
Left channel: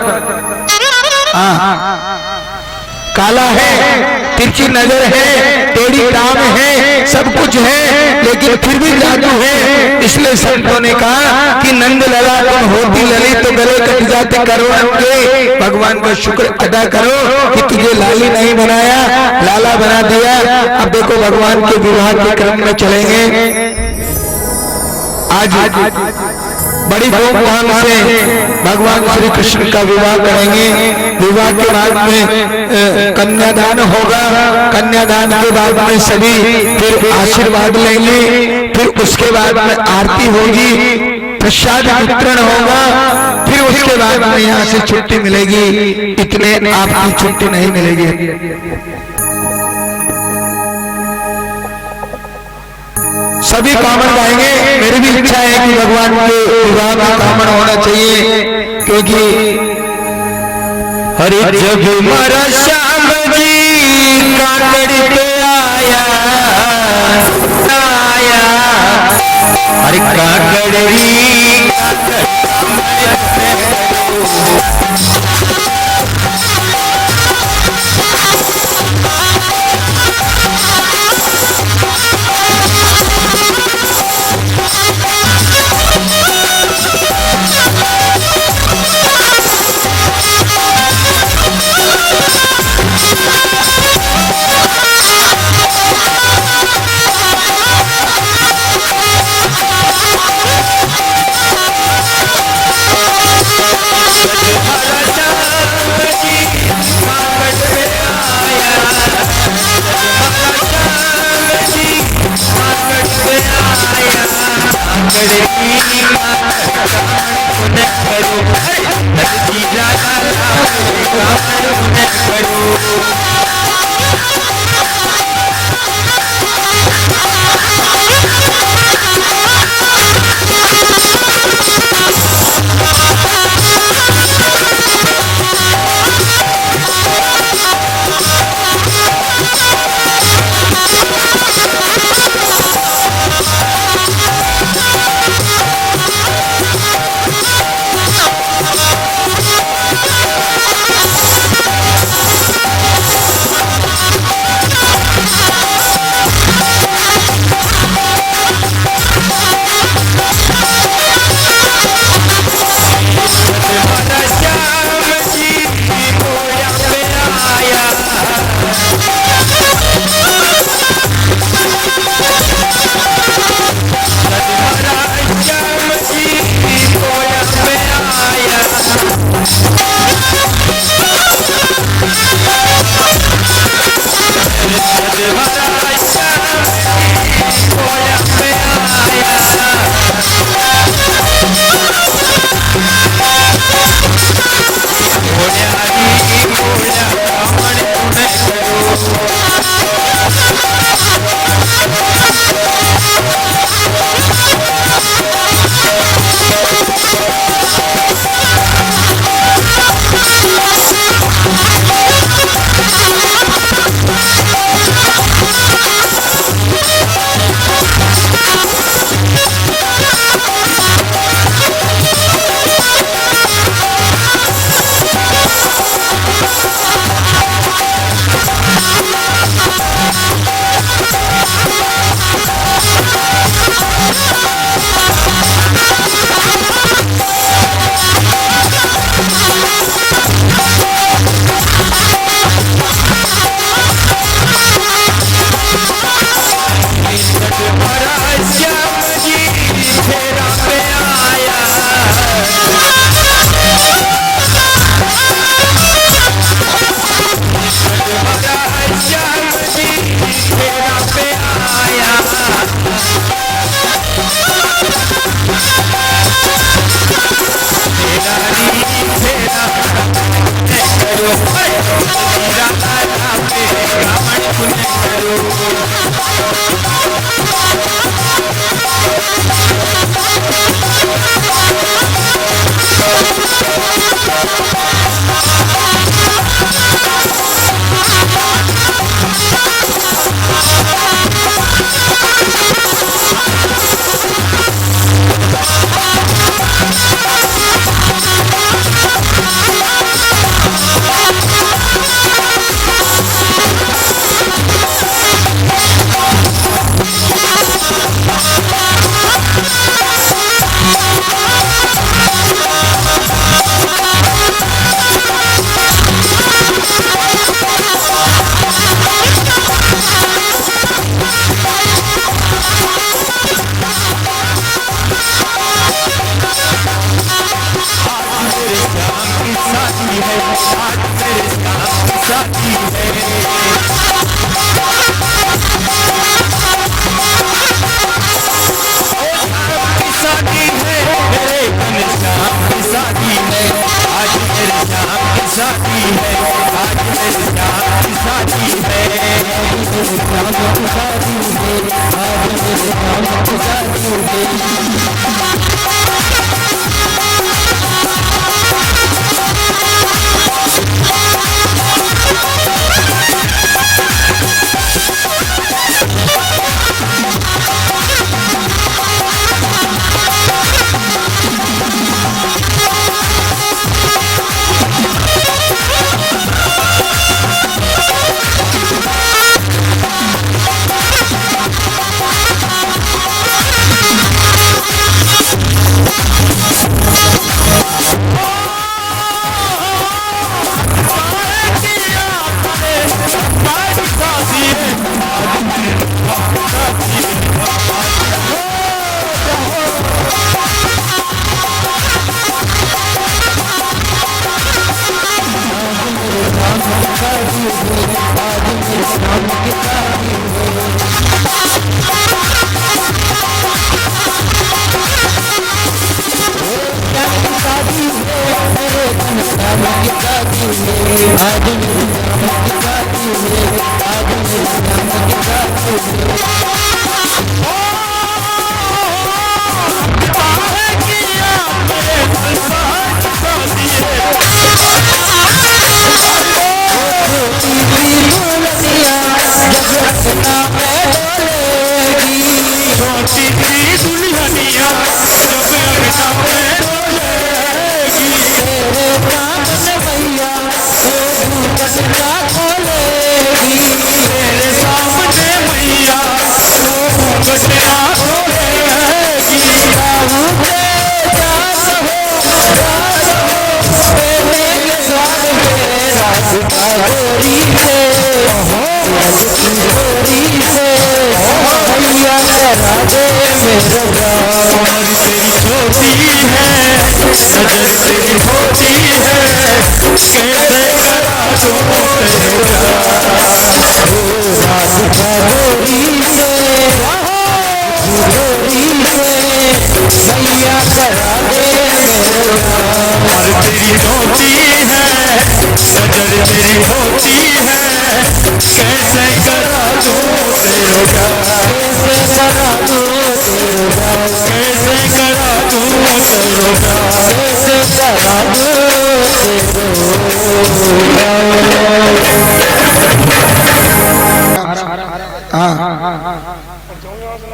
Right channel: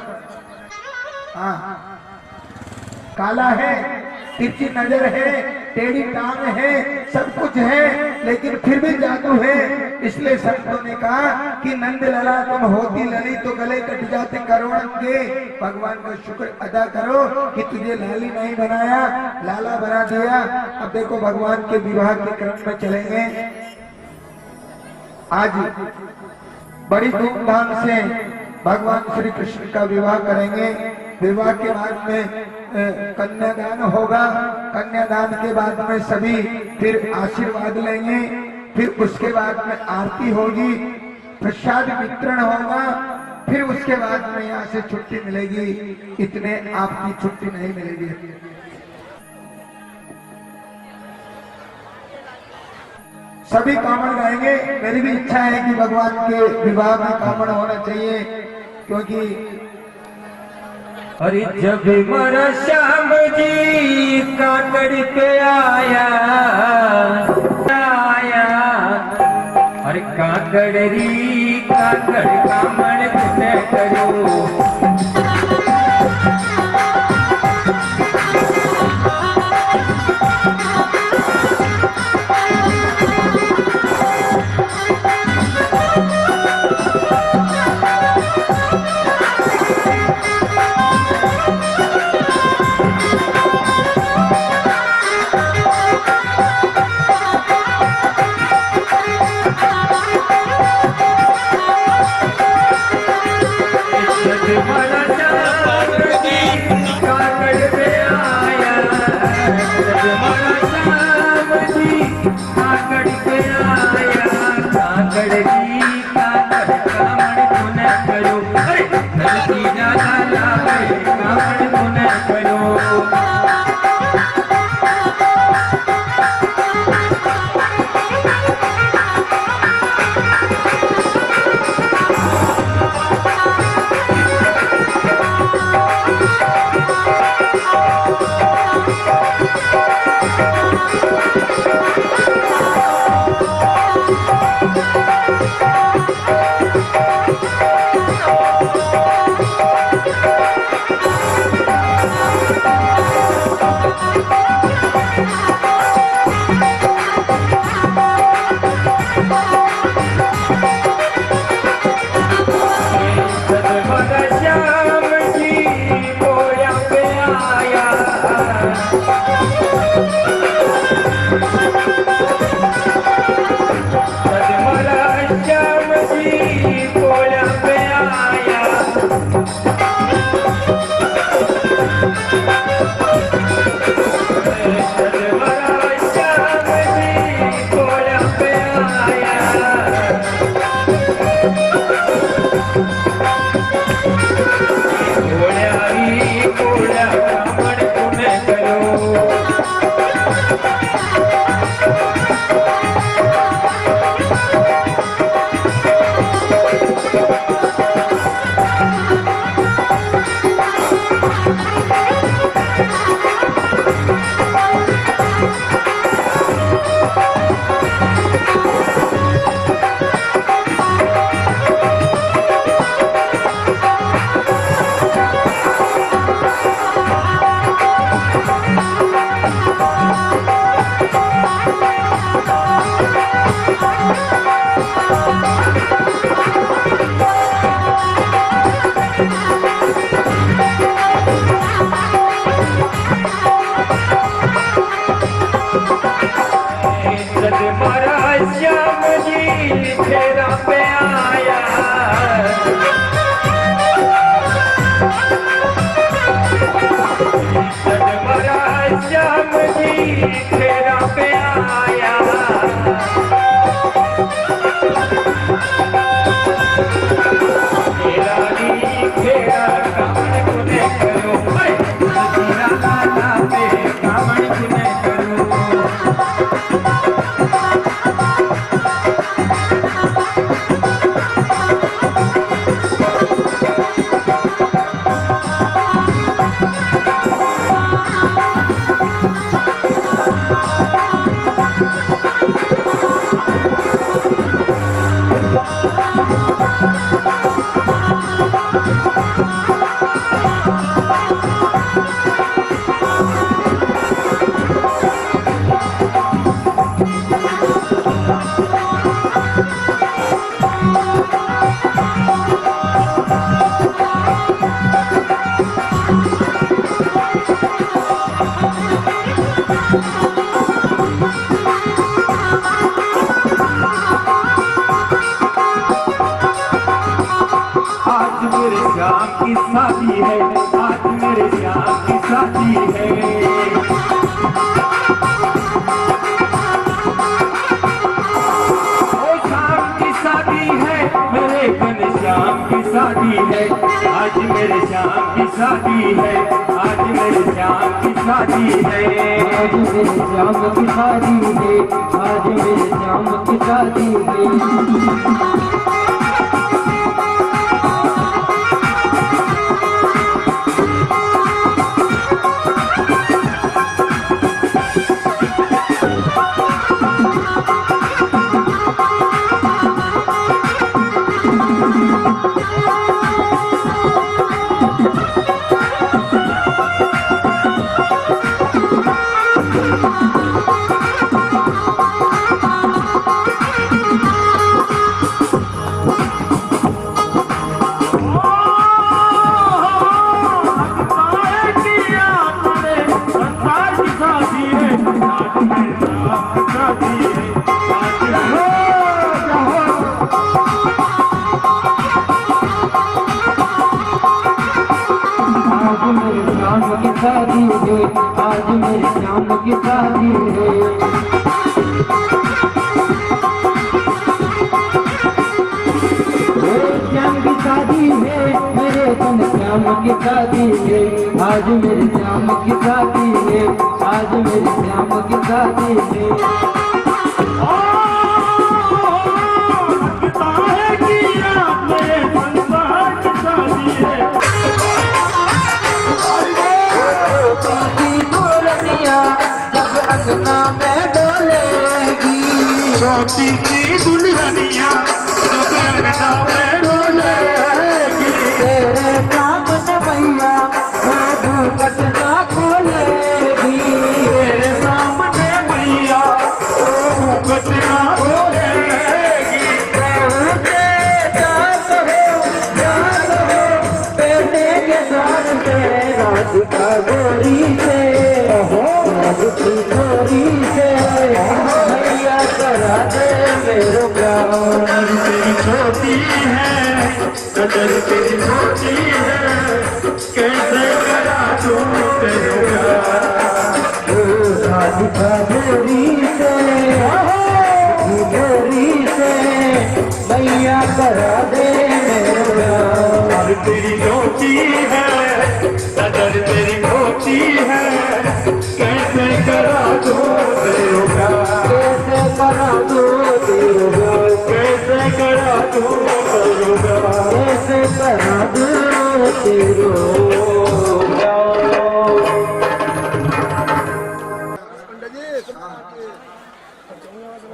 काला है, तिरछी नजर है, टेढ़ी टांग है, सब कुछ है, लेकिन फिर भी जादू है। इसलिए संतों ने कहा कि नंद लला तुम होती लली तो गले कट जाते करोड़ों के भगवान का शुक्र अदा करो कि तुझे लाली नहीं बनाया, लाला बना दिया। अब देखो भगवान के विवाह के क्रम में चलेंगे। आज बड़ी धूमधाम से भगवान श्री कृष्ण का विवाह करेंगे। विवाह के बाद में कन्यादान होगा। कन्यादान के बाद में सभी फिर आशीर्वाद लेंगे। फिर उसके बाद में आरती होगी, प्रसाद वितरण होगा। फिर उसके बाद में यहाँ से छुट्टी मिलेगी। इतने आपकी छुट्टी नहीं मिलेगी। सभी कामन गाएंगे। मेरी भी इच्छा है कि भगवान के विवाह में कामन होना चाहिए, क्योंकि हरि जब मरा श्याम जी काकड़ पे आया हरि काकड़ी शादी है, आज मेरे श्याम की शादी है, आज मेरे श्याम की शादी है, आज मेरे श्याम की शादी है, आज मेरे श्याम की शादी है।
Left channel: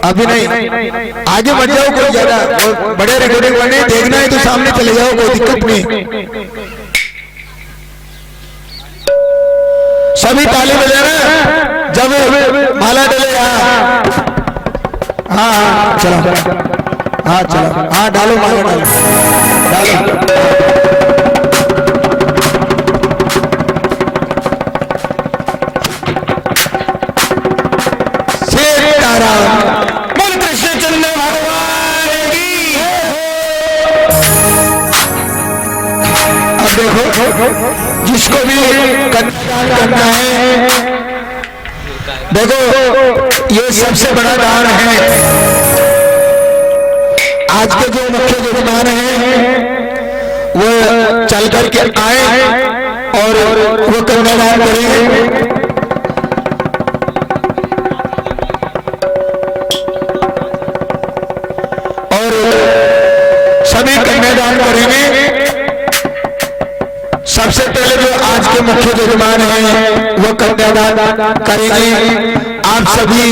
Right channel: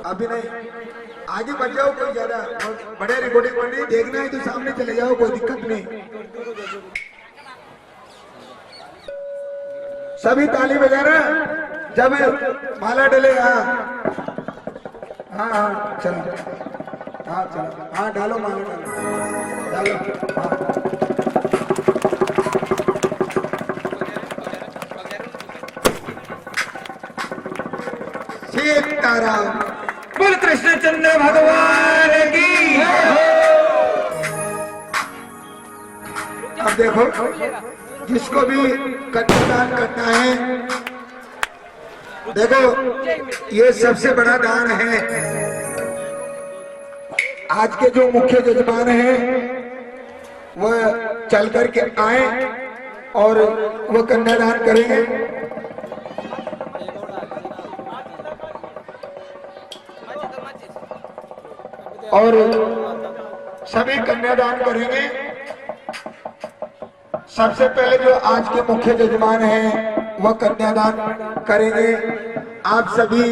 अभी नहीं, आगे बढ़ जाओ, कोई ज्यादा बड़े रिकॉर्डिंग बने, देखना है तो सामने चले जाओ, कोई दिक्कत नहीं। सभी ताली बजाना जब माला डले। हाँ हाँ चलो, हाँ चलो, हाँ डालो माला, डालो डालो। जिसको भी कन्यादान करना है, देखो ये सबसे बड़ा दान है। आज के जो मुख्य मेहमान हैं वो चल करके आए और वो कन्यादान करेंगे। और सभी कन्यादान करेंगे। सबसे पहले जो आज के मुख्य मेहमान हैं वो कन्यादान करेंगे। आप सभी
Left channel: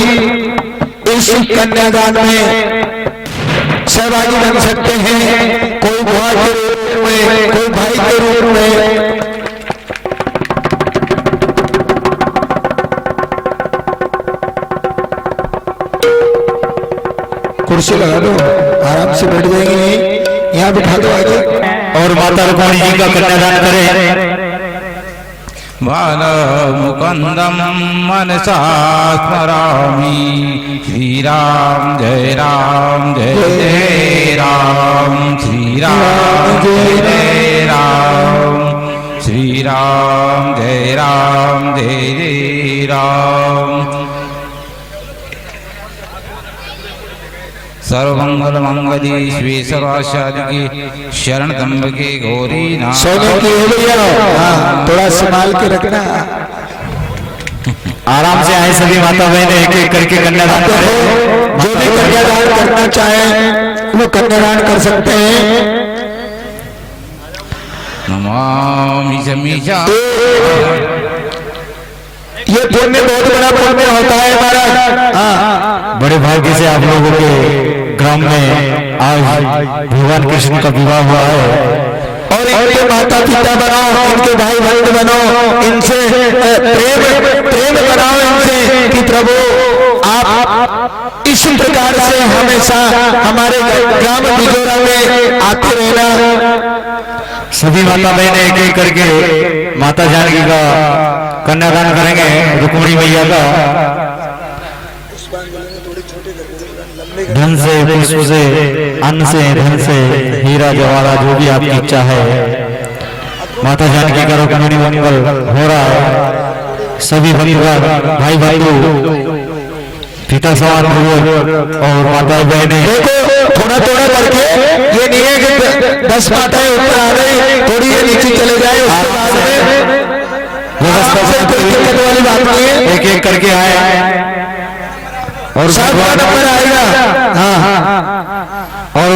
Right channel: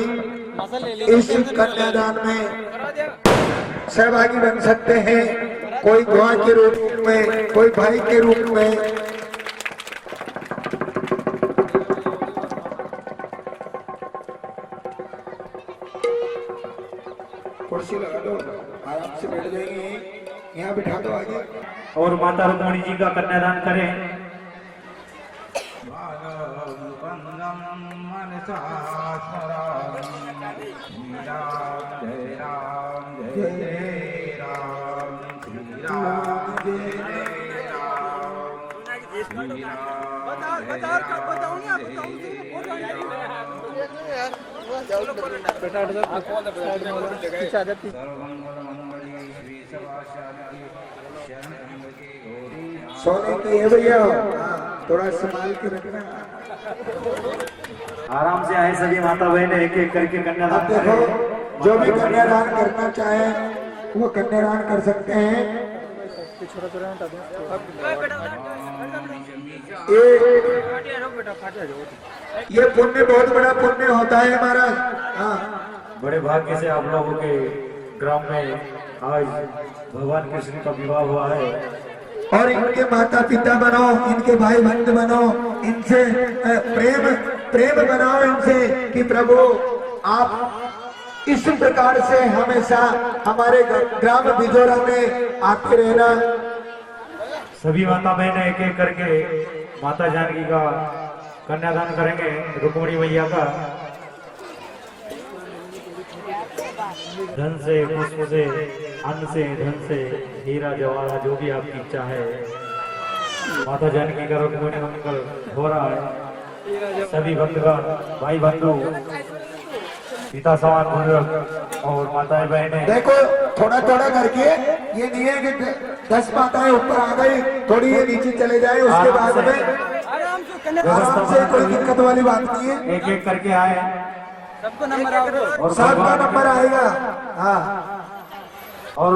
इस कन्यादान में सहभागी बन सकते हैं, कोई बुआ के रूप में, कोई भाई के रूप में। कुर्सी लगा दो, आराम से बैठ जाएंगे, नहीं यहाँ बिठा दो आगे। और माता रुक्मिणी जी का कन्यादान करें। बालमुकुन्दं मनसा स्मरामि, श्री राम जय राम जय जय राम, श्री राम जय जय राम, श्री राम जय राम। सर्वमंगल मंगली शिवे सर्वासादि शरण त्र्यंबके गौरी नाम। सोने की हो भैया, हाँ थोड़ा संभाल के रखना। आराम से आए सभी माता बहन, एक एक करके कन्यादान करें। जो भी कन्यादान करना चाहे वो कन्यादान कर सकते हैं। नमामि समीशा। ये पुण्य बहुत बड़ा पुण्य होता है महाराज। हाँ बड़े भाग्य से आप लोगों के ग्राम में आज भगवान कृष्ण का विवाह हुआ है और इनके माता पिता बनाओ, इनके भाई बहन बनाओ, इनसे प्रेम बनाओ इनसे कि प्रभु आप इस प्रकार से हमेशा हमारे ग्राम बिजोरा में आते रहना। सभी माता बहन एक एक करके माता जानकी का कन्यादान करेंगे, रुक्मिणी मैया का। धन से, पुष्प से, अन्न से, धन से, हीरा जवाहरात जो भी आपकी इच्छा है, माता जानकी का रुक्मिणी मंगल हो रहा है। सभी परिवार भाई भाइयों, पिता सवार और माता बहने देखो थोड़ा थोड़ा करके, ये नहीं है कि 10 माताएं ऊपर आ गई, थोड़ी नीचे चले जाए, वाली बात नहीं है। एक एक करके आए और सातवां नंबर आएगा। हाँ हाँ और